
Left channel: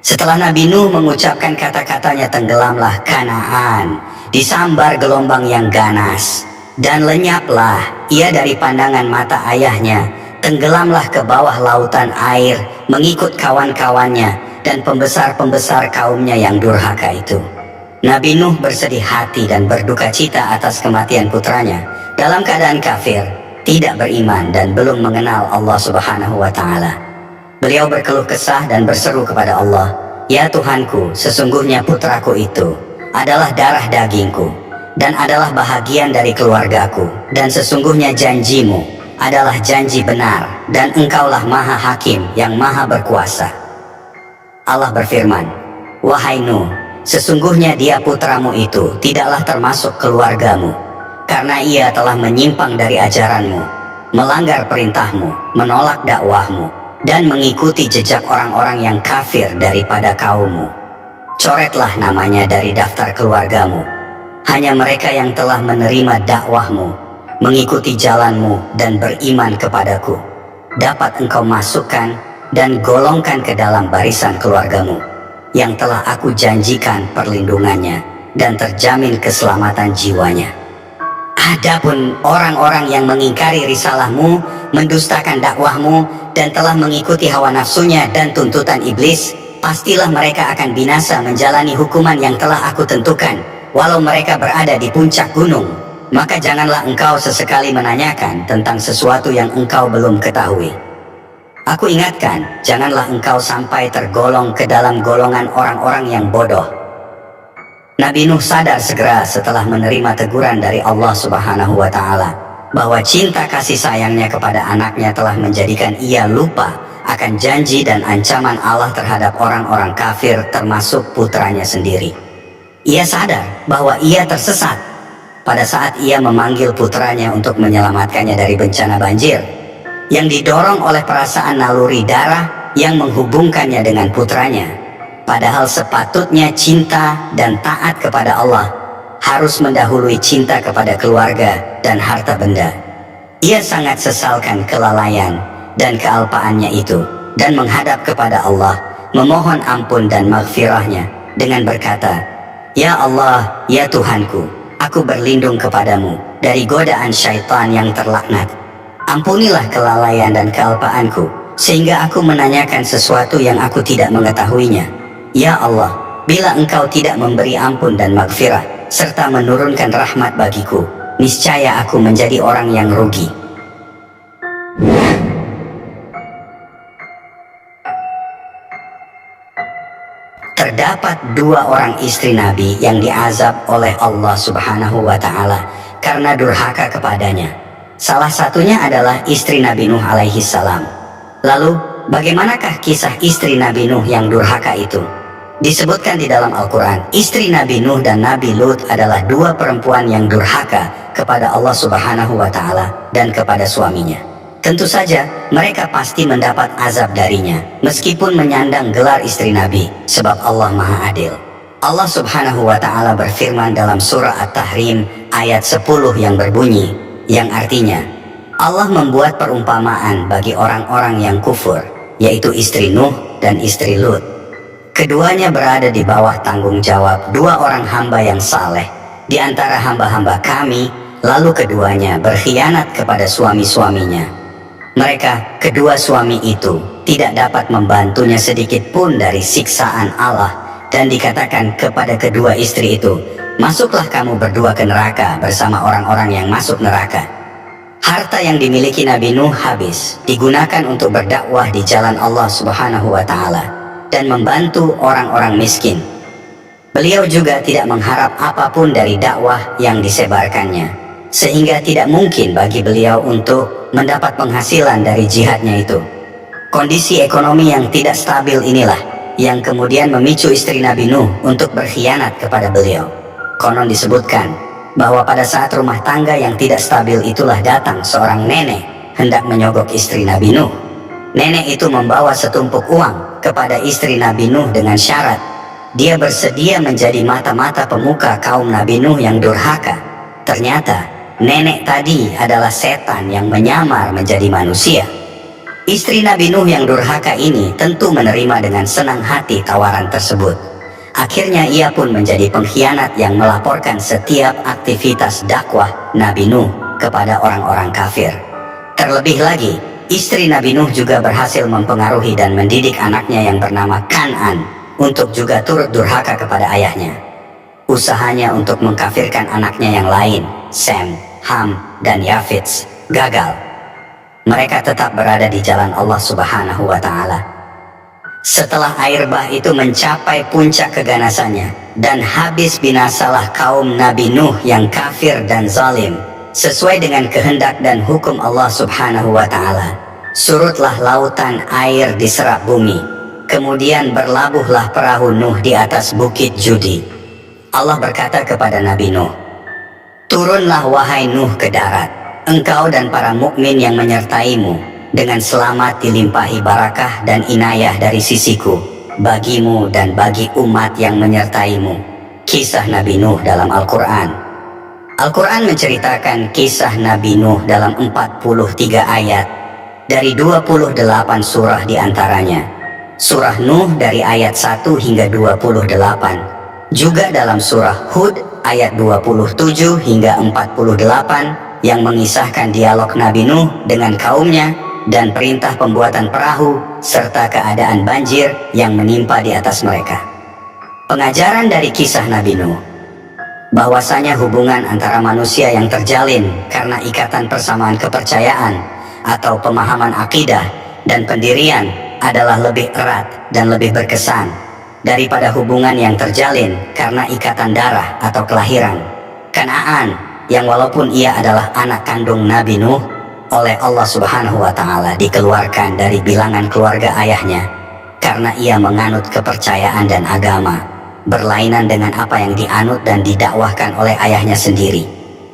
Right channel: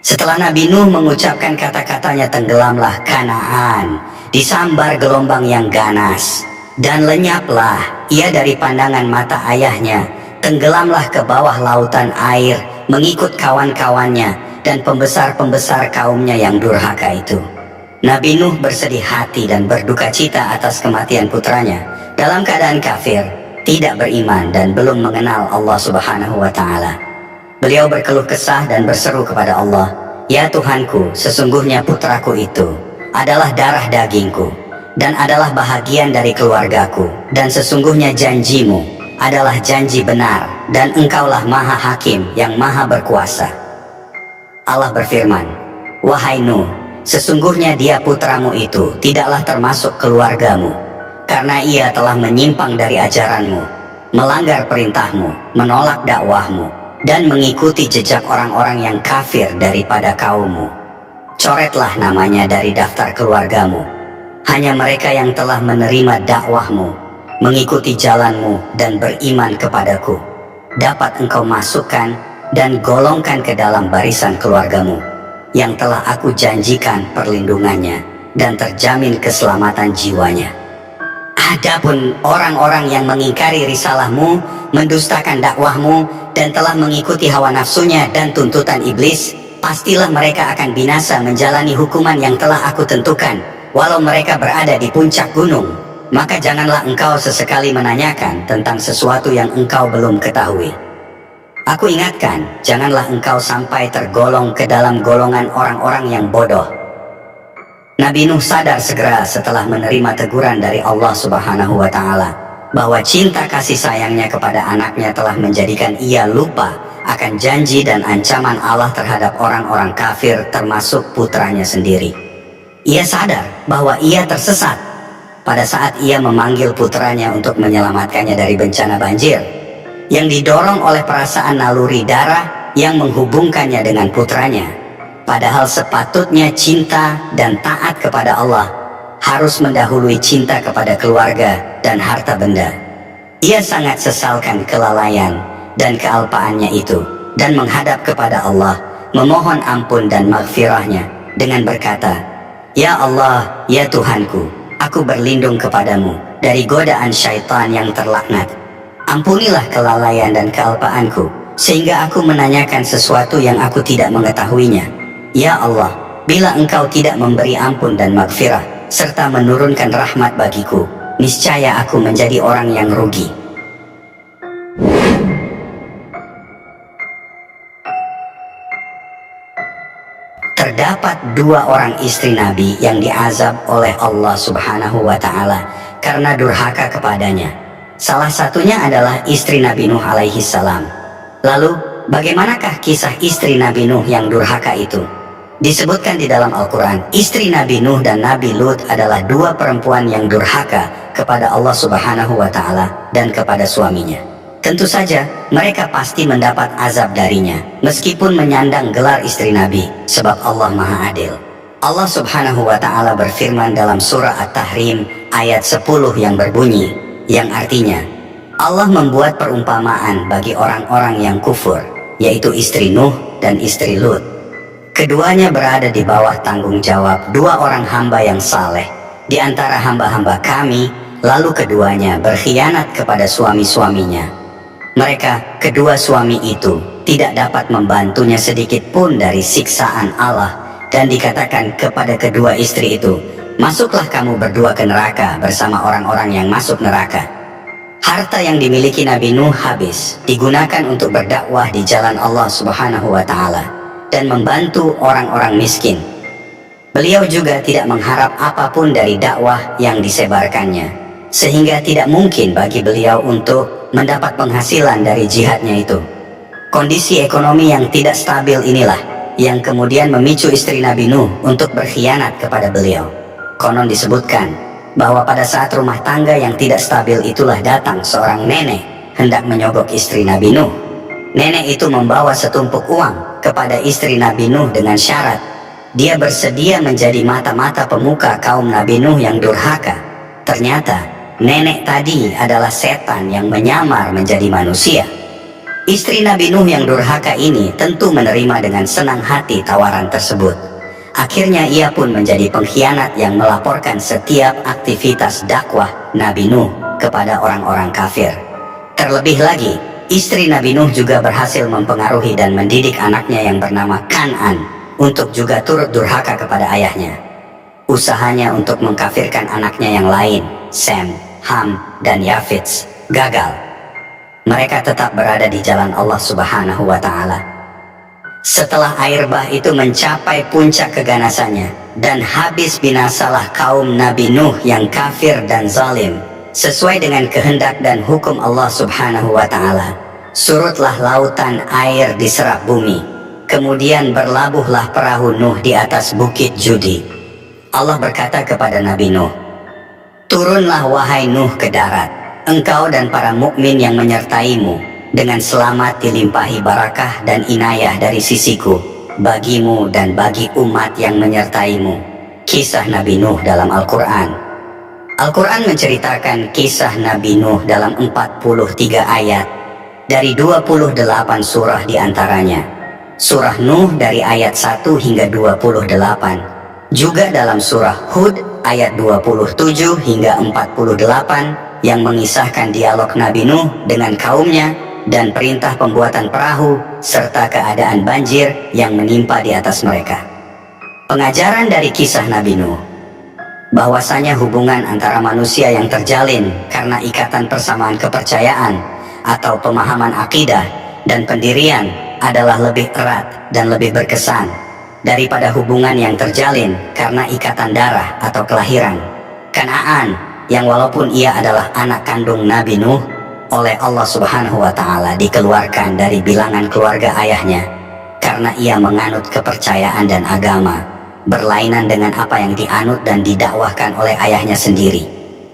Setelah Nabi Nuh mengucapkan kata-katanya, tenggelamlah Kanaan, disambar gelombang yang ganas, dan lenyaplah ia dari pandangan mata ayahnya, tenggelamlah ke bawah lautan air, mengikut kawan-kawannya dan pembesar-pembesar kaumnya yang durhaka itu. Nabi Nuh bersedih hati dan berduka cita atas kematian putranya dalam keadaan kafir, tidak beriman dan belum mengenal Allah Subhanahu wa Ta'ala. Beliau berkeluh kesah dan berseru kepada Allah, "Ya Tuhanku, sesungguhnya putraku itu adalah darah dagingku dan adalah bahagian dari keluargaku, dan sesungguhnya janjimu adalah janji benar, dan engkaulah maha hakim yang maha berkuasa." Allah berfirman, Wahai Nuh, sesungguhnya dia putramu itu tidaklah termasuk keluargamu, karena ia telah menyimpang dari ajaranmu, melanggar perintahmu, menolak dakwahmu, dan mengikuti jejak orang-orang yang kafir daripada kaummu. Coretlah namanya dari daftar keluargamu. Hanya mereka yang telah menerima dakwahmu, mengikuti jalanmu dan beriman kepadaku, dapat engkau masukkan dan golongkan ke dalam barisan keluargamu, yang telah aku janjikan perlindungannya dan terjamin keselamatan jiwanya. Adapun orang-orang yang mengingkari risalahmu, mendustakan dakwahmu, dan telah mengikuti hawa nafsunya dan tuntutan iblis, pastilah mereka akan binasa menjalani hukuman yang telah aku tentukan, walau mereka berada di puncak gunung. Maka janganlah engkau sesekali menanyakan tentang sesuatu yang engkau belum ketahui. Aku ingatkan, janganlah engkau sampai tergolong ke dalam golongan orang-orang yang bodoh. Nabi Nuh sadar segera setelah menerima teguran dari Allah Subhanahu wa Ta'ala bahwa cinta kasih sayangnya kepada anaknya telah menjadikan ia lupa akan janji dan ancaman Allah terhadap orang-orang kafir, termasuk putranya sendiri. Ia sadar bahwa ia tersesat pada saat ia memanggil putranya untuk menyelamatkannya dari bencana banjir, yang didorong oleh perasaan naluri darah yang menghubungkannya dengan putranya. Padahal sepatutnya cinta dan taat kepada Allah harus mendahului cinta kepada keluarga dan harta benda. Ia sangat sesalkan kelalaian dan kealpaannya itu, dan menghadap kepada Allah, memohon ampun dan maghfirahnya dengan berkata, "Ya Allah, ya Tuhanku, aku berlindung kepadamu dari godaan syaitan yang terlaknat. Ampunilah kelalaian dan kealpaanku, sehingga aku menanyakan sesuatu yang aku tidak mengetahuinya. Ya Allah, bila engkau tidak memberi ampun dan maghfirah, serta menurunkan rahmat bagiku, niscaya aku menjadi orang yang rugi." Terdapat dua orang istri Nabi yang diazab oleh Allah Subhanahu wa Ta'ala karena durhaka kepadanya. Salah satunya adalah istri Nabi Nuh alaihi salam. Lalu, bagaimanakah kisah istri Nabi Nuh yang durhaka itu? Disebutkan di dalam Al-Quran, istri Nabi Nuh dan Nabi Lut adalah dua perempuan yang durhaka kepada Allah Subhanahu wa Ta'ala dan kepada suaminya. Tentu saja, mereka pasti mendapat azab darinya, meskipun menyandang gelar istri Nabi, sebab Allah Maha Adil. Allah Subhanahu wa Ta'ala berfirman dalam surah At-Tahrim ayat 10 yang berbunyi, yang artinya, Allah membuat perumpamaan bagi orang-orang yang kufur, yaitu istri Nuh dan istri Lut. Keduanya berada di bawah tanggung jawab dua orang hamba yang saleh di antara hamba-hamba kami, lalu keduanya berkhianat kepada suami-suaminya. Mereka, kedua suami itu, tidak dapat membantunya sedikit pun dari siksaan Allah, dan dikatakan kepada kedua istri itu, "Masuklah kamu berdua ke neraka bersama orang-orang yang masuk neraka." Harta yang dimiliki Nabi Nuh habis digunakan untuk berdakwah di jalan Allah Subhanahu wa Ta'ala dan membantu orang-orang miskin. Beliau juga tidak mengharap apapun dari dakwah yang disebarkannya, sehingga tidak mungkin bagi beliau untuk mendapat penghasilan dari jihadnya itu. Kondisi ekonomi yang tidak stabil inilah yang kemudian memicu istri Nabi Nuh untuk berkhianat kepada beliau. Konon disebutkan bahwa pada saat rumah tangga yang tidak stabil itulah datang seorang nenek hendak menyogok istri Nabi Nuh. Nenek itu membawa setumpuk uang kepada istri Nabi Nuh dengan syarat dia bersedia menjadi mata-mata pemuka kaum Nabi Nuh yang durhaka. Ternyata nenek tadi adalah setan yang menyamar menjadi manusia. Istri Nabi Nuh yang durhaka ini tentu menerima dengan senang hati tawaran tersebut. Akhirnya ia pun menjadi pengkhianat yang melaporkan setiap aktivitas dakwah Nabi Nuh kepada orang-orang kafir. Terlebih lagi, istri Nabi Nuh juga berhasil mempengaruhi dan mendidik anaknya yang bernama Kan'an untuk juga turut durhaka kepada ayahnya. Usahanya untuk mengkafirkan anaknya yang lain, Sem, Ham, dan Yafits, gagal. Mereka tetap berada di jalan Allah Subhanahu wa Ta'ala. Setelah air bah itu mencapai puncak keganasannya dan habis binasalah kaum Nabi Nuh yang kafir dan zalim, sesuai dengan kehendak dan hukum Allah Subhanahu wa Ta'ala, surutlah lautan air diserap bumi. Kemudian berlabuhlah perahu Nuh di atas bukit Judi. Allah berkata kepada Nabi Nuh, "Turunlah wahai Nuh ke darat, engkau dan para mukmin yang menyertaimu, dengan selamat dilimpahi barakah dan inayah dari sisiku, bagimu dan bagi umat yang menyertaimu." Kisah Nabi Nuh dalam Al-Quran. Al-Quran menceritakan kisah Nabi Nuh dalam 43 ayat dari 28 surah diantaranya. Surah Nuh dari ayat 1 hingga 28. Juga dalam surah Hud ayat 27 hingga 48 yang mengisahkan dialog Nabi Nuh dengan kaumnya dan perintah pembuatan perahu serta keadaan banjir yang menimpa di atas mereka. Pengajaran dari kisah Nabi Nuh bahwasanya hubungan antara manusia yang terjalin karena ikatan persamaan kepercayaan atau pemahaman akidah dan pendirian adalah lebih erat dan lebih berkesan daripada hubungan yang terjalin karena ikatan darah atau kelahiran. Kanaan, yang walaupun ia adalah anak kandung Nabi Nuh, oleh Allah Subhanahu wa Ta'ala dikeluarkan dari bilangan keluarga ayahnya karena ia menganut kepercayaan dan agama berlainan dengan apa yang dianut dan didakwahkan oleh ayahnya sendiri.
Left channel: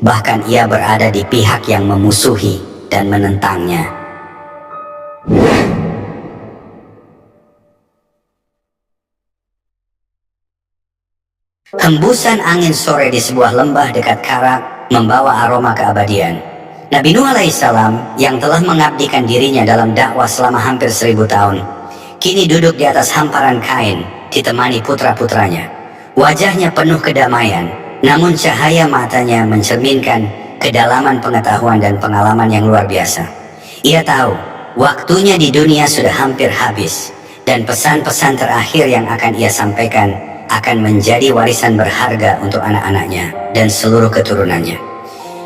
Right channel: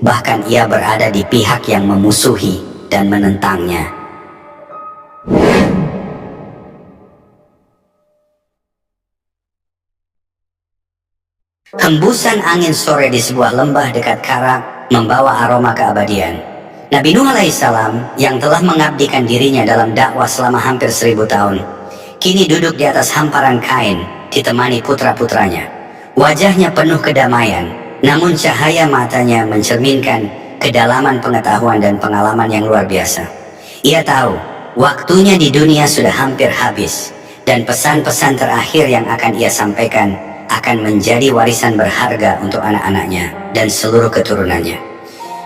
Bahkan ia berada di pihak yang memusuhi dan menentangnya. Hembusan angin sore di sebuah lembah dekat Karak membawa aroma keabadian. Nabi Nuh alaihissalam yang telah mengabdikan dirinya dalam dakwah selama hampir 1000 tahun, kini duduk di atas hamparan kain ditemani putra-putranya. Wajahnya penuh kedamaian, namun cahaya matanya mencerminkan kedalaman pengetahuan dan pengalaman yang luar biasa. Ia tahu waktunya di dunia sudah hampir habis, dan pesan-pesan terakhir yang akan ia sampaikan akan menjadi warisan berharga untuk anak-anaknya dan seluruh keturunannya.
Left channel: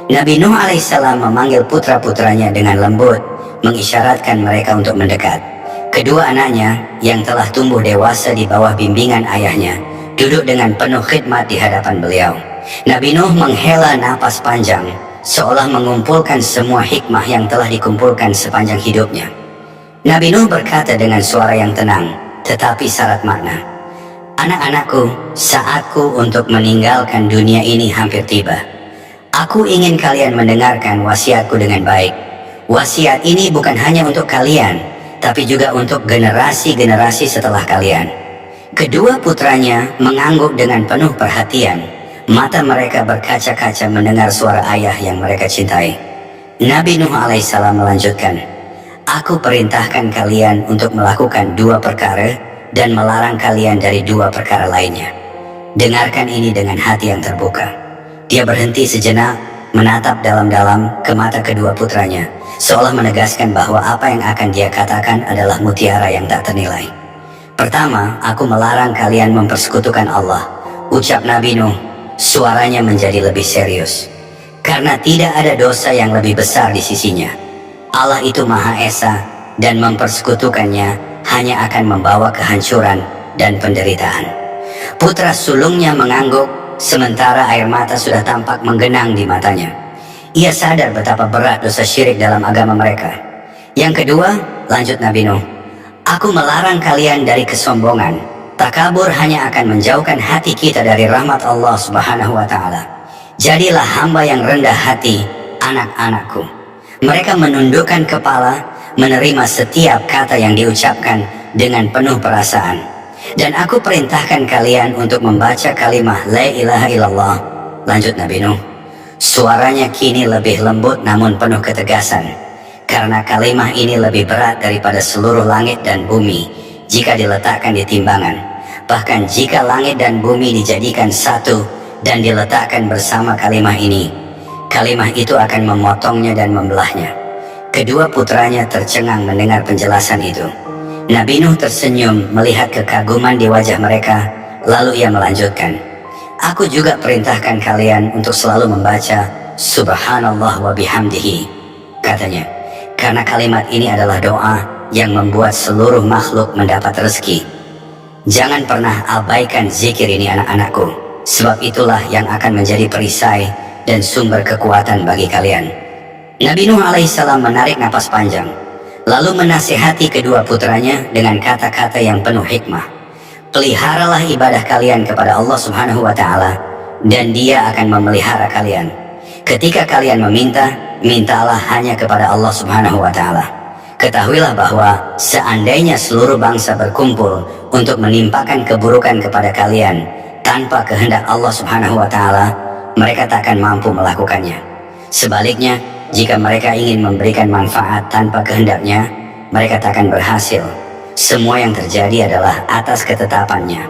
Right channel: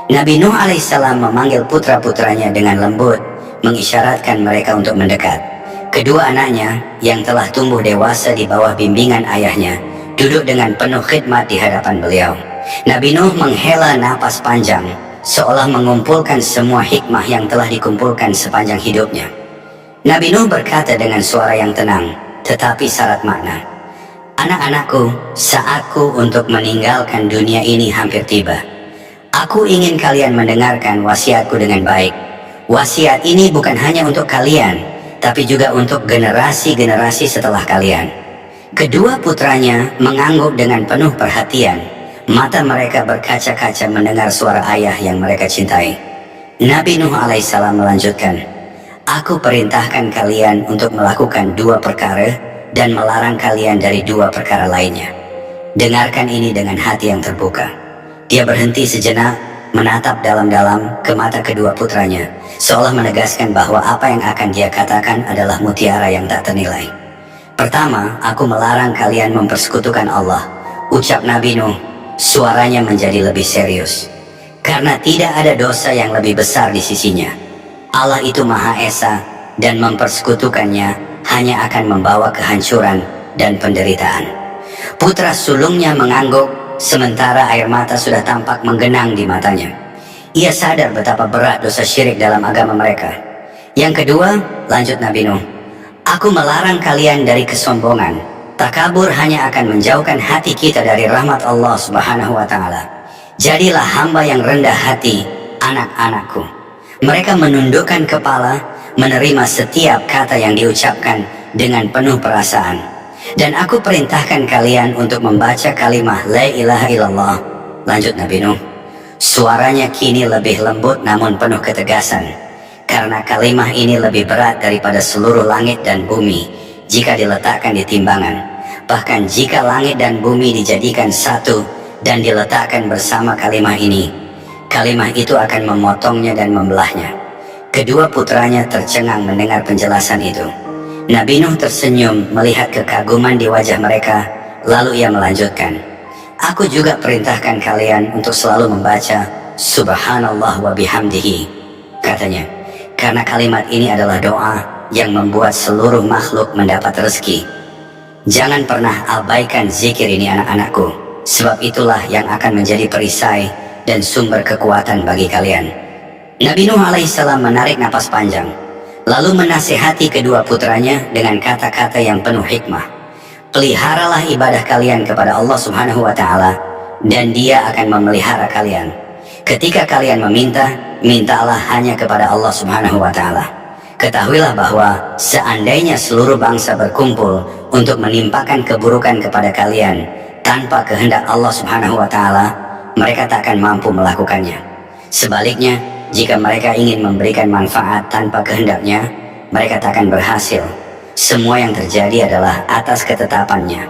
Nabi Nuh alaihissalam memanggil putra-putranya dengan lembut, mengisyaratkan mereka untuk mendekat. Kedua anaknya yang telah tumbuh dewasa di bawah bimbingan ayahnya duduk dengan penuh khidmat di hadapan beliau. Nabi Nuh menghela napas panjang, seolah mengumpulkan semua hikmah yang telah dikumpulkan sepanjang hidupnya. Nabi Nuh berkata dengan suara yang tenang, tetapi syarat makna, "Anak-anakku, saatku untuk meninggalkan dunia ini hampir tiba. Aku ingin kalian mendengarkan wasiatku dengan baik. Wasiat ini bukan hanya untuk kalian, tapi juga untuk generasi-generasi setelah kalian." Kedua putranya mengangguk dengan penuh perhatian. Mata mereka berkaca-kaca mendengar suara ayah yang mereka cintai. Nabi Nuh alaihissalam melanjutkan, "Aku perintahkan kalian untuk melakukan 2 perkara dan melarang kalian dari 2 perkara lainnya. Dengarkan ini dengan hati yang terbuka." Dia berhenti sejenak, menatap dalam-dalam ke mata kedua putranya, seolah menegaskan bahwa apa yang akan dia katakan adalah mutiara yang tak ternilai. "Pertama, aku melarang kalian mempersekutukan Allah," ucap Nabi Nuh. Suaranya menjadi lebih serius. "Karena tidak ada dosa yang lebih besar di sisinya. Allah itu Maha Esa, dan mempersekutukannya hanya akan membawa kehancuran dan penderitaan." Putra sulungnya mengangguk, sementara air mata sudah tampak menggenang di matanya. Ia sadar betapa berat dosa syirik dalam agama mereka. "Yang kedua," lanjut Nabi Nuh, "aku melarang kalian dari kesombongan. Takabur hanya akan menjauhkan hati kita dari rahmat Allah Subhanahu wa Ta'ala. Jadilah hamba yang rendah hati, anak-anakku." Mereka menundukkan kepala, menerima setiap kata yang diucapkan dengan penuh perasaan. "Dan aku perintahkan kalian untuk membaca kalimah La ilaha illallah," lanjut Nabi Nuh. Suaranya kini lebih lembut namun penuh ketegasan, karena kalimah ini lebih berat daripada seluruh langit dan bumi jika diletakkan di timbangan. Bahkan jika langit dan bumi dijadikan satu dan diletakkan bersama kalimah ini, kalimah itu akan memotongnya dan membelahnya. Kedua putranya tercengang mendengar penjelasan itu. Nabi Nuh tersenyum melihat kekaguman di wajah mereka, lalu ia melanjutkan, "Aku juga perintahkan kalian untuk selalu membaca Subhanallah wa bihamdihi," katanya, "karena kalimat ini adalah doa yang membuat seluruh makhluk mendapat rezeki. Jangan pernah abaikan zikir ini anak-anakku, sebab itulah yang akan menjadi perisai dan sumber kekuatan bagi kalian." Nabi Nuh alaihissalam menarik napas panjang. Lalu menasihati kedua putranya dengan kata-kata yang penuh hikmah. Peliharalah ibadah kalian kepada Allah Subhanahu wa Ta'ala, dan Dia akan memelihara kalian. Ketika kalian meminta, mintalah hanya kepada Allah Subhanahu wa Ta'ala. Ketahuilah bahwa seandainya seluruh bangsa berkumpul untuk menimpakan keburukan kepada kalian tanpa kehendak Allah Subhanahu wa Ta'ala, mereka tak akan mampu melakukannya. Sebaliknya, jika mereka ingin memberikan manfaat tanpa kehendaknya, mereka tak akan berhasil. Semua yang terjadi adalah atas ketetapannya.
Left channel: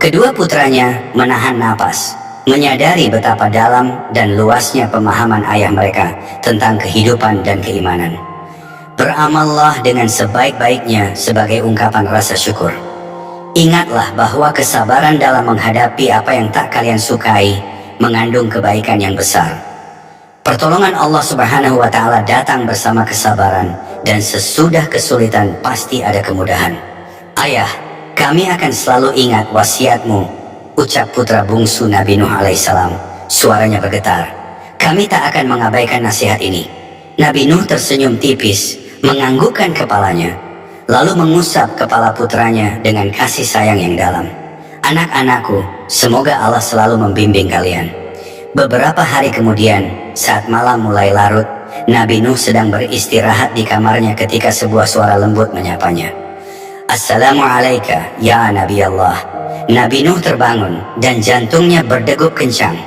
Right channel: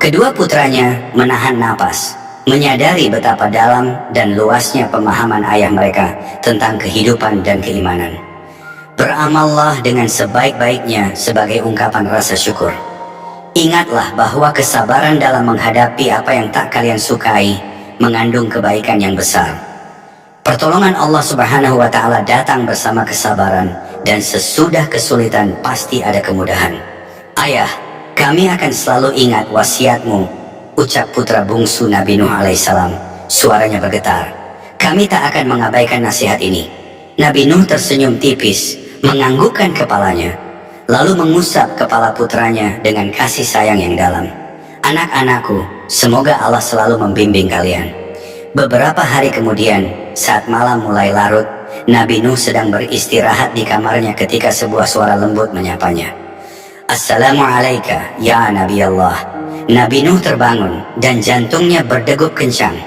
Kedua putranya menahan napas, menyadari betapa dalam dan luasnya pemahaman ayah mereka tentang kehidupan dan keimanan. Beramallah dengan sebaik-baiknya sebagai ungkapan rasa syukur. Ingatlah bahwa kesabaran dalam menghadapi apa yang tak kalian sukai mengandung kebaikan yang besar. Pertolongan Allah Subhanahu wa Ta'ala datang bersama kesabaran, dan sesudah kesulitan pasti ada kemudahan. Ayah, kami akan selalu ingat wasiatmu, ucap putra bungsu Nabi Nuh alaihissalam. Suaranya bergetar. Kami tak akan mengabaikan nasihat ini. Nabi Nuh tersenyum tipis, menganggukkan kepalanya, lalu mengusap kepala putranya dengan kasih sayang yang dalam. Anak-anakku, semoga Allah selalu membimbing kalian. Beberapa hari kemudian, saat malam mulai larut, Nabi Nuh sedang beristirahat di kamarnya ketika sebuah suara lembut menyapanya. Assalamualaikum ya Nabi Allah. Nabi Nuh terbangun dan jantungnya berdegup kencang.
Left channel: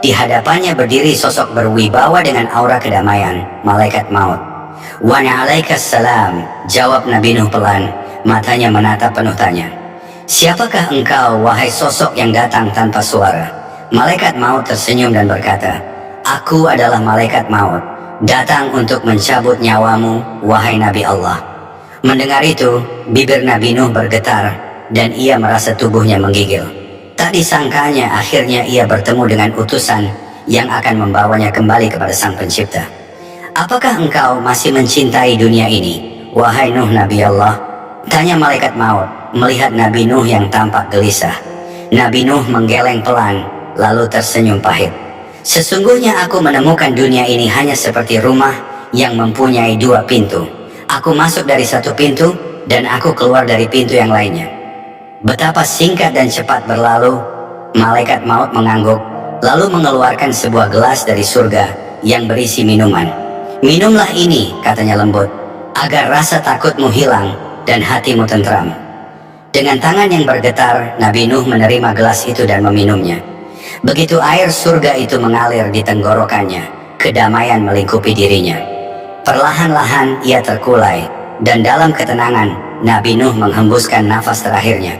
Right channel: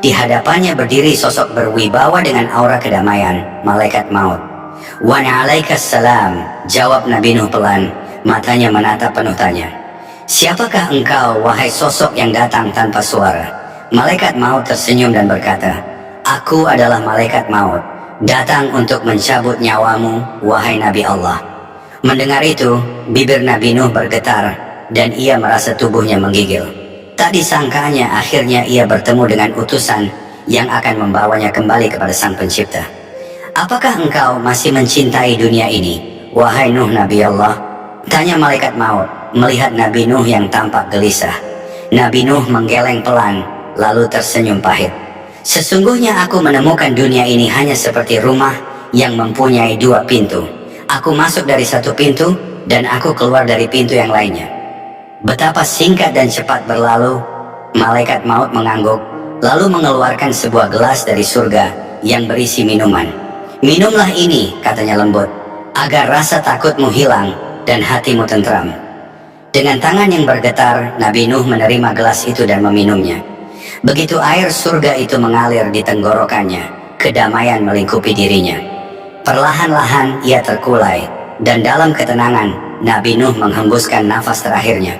Di hadapannya berdiri sosok berwibawa dengan aura kedamaian, malaikat maut. Wa alaikassalam, jawab Nabi Nuh pelan, matanya menatap penuh tanya. Siapakah engkau, wahai sosok yang datang tanpa suara? Malaikat maut tersenyum dan berkata, aku adalah malaikat maut, datang untuk mencabut nyawamu, wahai Nabi Allah. Mendengar itu, bibir Nabi Nuh bergetar, dan ia merasa tubuhnya menggigil. Tak disangkanya akhirnya ia bertemu dengan utusan yang akan membawanya kembali kepada Sang Pencipta. Apakah engkau masih mencintai dunia ini, wahai Nuh Nabi Allah? Tanya malaikat maut, melihat Nabi Nuh yang tampak gelisah. Nabi Nuh menggeleng pelan, lalu tersenyum pahit. Sesungguhnya aku menemukan dunia ini hanya seperti rumah yang mempunyai dua pintu. Aku masuk dari satu pintu, dan aku keluar dari pintu yang lainnya. Betapa singkat dan cepat berlalu. Malaikat maut mengangguk, lalu mengeluarkan sebuah gelas dari surga yang berisi minuman. Minumlah ini, katanya lembut, agar rasa takutmu hilang dan hatimu tentram. Dengan tangan yang bergetar, Nabi Nuh menerima gelas itu dan meminumnya. Begitu air surga itu mengalir di tenggorokannya, kedamaian melingkupi dirinya. Perlahan-lahan ia terkulai, dan dalam ketenangan, Nabi Nuh menghembuskan nafas terakhirnya.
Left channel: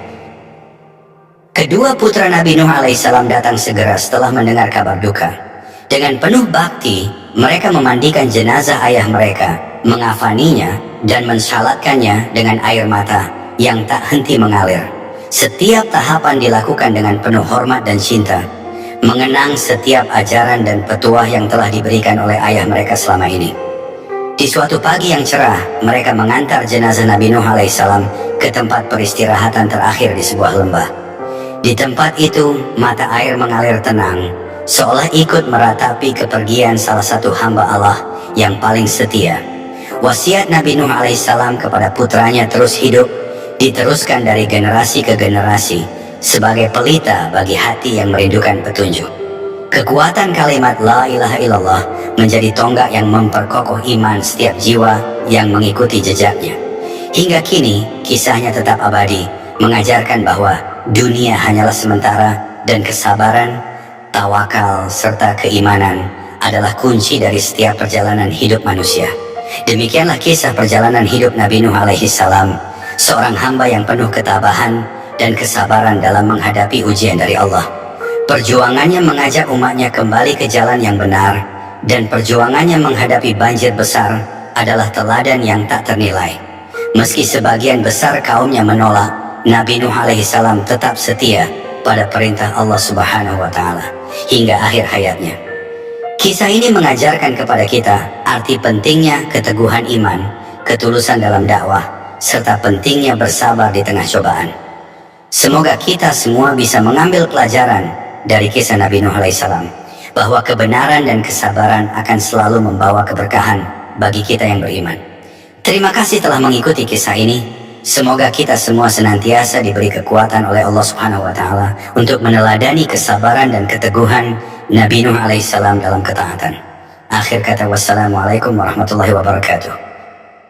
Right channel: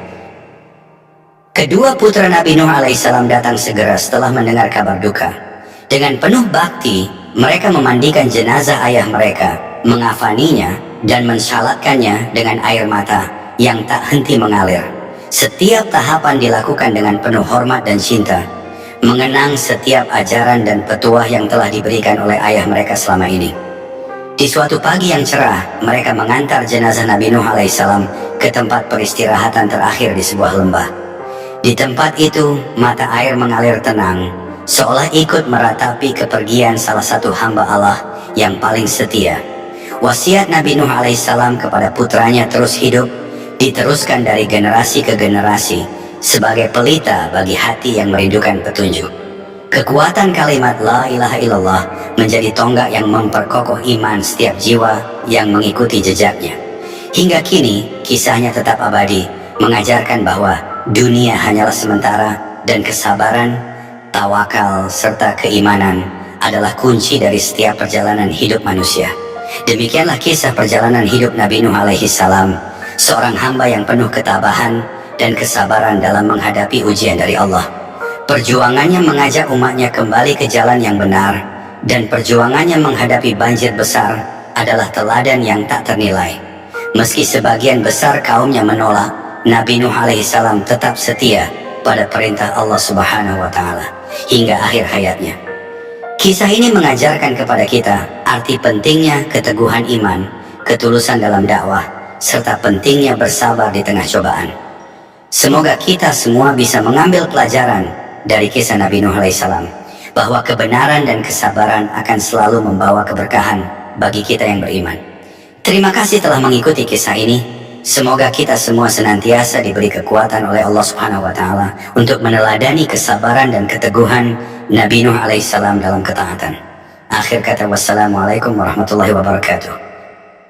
Kedua putra Nabi Nuh alaihissalam datang segera setelah mendengar kabar duka. Dengan penuh bakti, mereka memandikan jenazah ayah mereka, mengafaninya, dan mensalatkannya dengan air mata yang tak henti mengalir. Setiap tahapan dilakukan dengan penuh hormat dan cinta, mengenang setiap ajaran dan petuah yang telah diberikan oleh ayah mereka selama ini. Di suatu pagi yang cerah, mereka mengantar jenazah Nabi Nuh alaihissalam ke tempat peristirahatan terakhir di sebuah lembah. Di tempat itu, mata air mengalir tenang, seolah ikut meratapi kepergian salah satu hamba Allah yang paling setia. Wasiat Nabi Nuh alaihissalam kepada putranya terus hidup, diteruskan dari generasi ke generasi, sebagai pelita bagi hati yang merindukan petunjuk. Kekuatan kalimat La ilaha illallah menjadi tonggak yang memperkokoh iman setiap jiwa yang mengikuti jejaknya. Hingga kini, kisahnya tetap abadi, mengajarkan bahwa dunia hanyalah sementara, dan kesabaran, tawakal, serta keimanan adalah kunci dari setiap perjalanan hidup manusia. Demikianlah kisah perjalanan hidup Nabi Nuh alaihissalam, seorang hamba yang penuh ketabahan dan kesabaran dalam menghadapi ujian dari Allah. Perjuangannya mengajak umatnya kembali ke jalan yang benar, dan perjuangannya menghadapi banjir besar adalah teladan yang tak ternilai. Meski sebagian besar kaumnya menolak, Nabi Nuh alaihissalam tetap setia pada perintah Allah Subhanahu wa Ta'ala hingga akhir hayatnya. Kisah ini mengajarkan kepada kita arti pentingnya keteguhan iman, ketulusan dalam dakwah, serta pentingnya bersabar di tengah cobaan. Semoga kita semua bisa mengambil pelajaran dari kisah Nabi Nuh alaihissalam, bahwa kebenaran dan kesabaran akan selalu membawa keberkahan bagi kita yang beriman. Terima kasih telah mengikuti kisah ini. Semoga kita semua senantiasa diberi kekuatan oleh Allah Subhanahu wa Ta'ala untuk meneladani kesabaran dan keteguhan Nabi Nuh alaihissalam dalam ketaatan. Akhir kata, wassalamualaikum warahmatullahi wabarakatuh.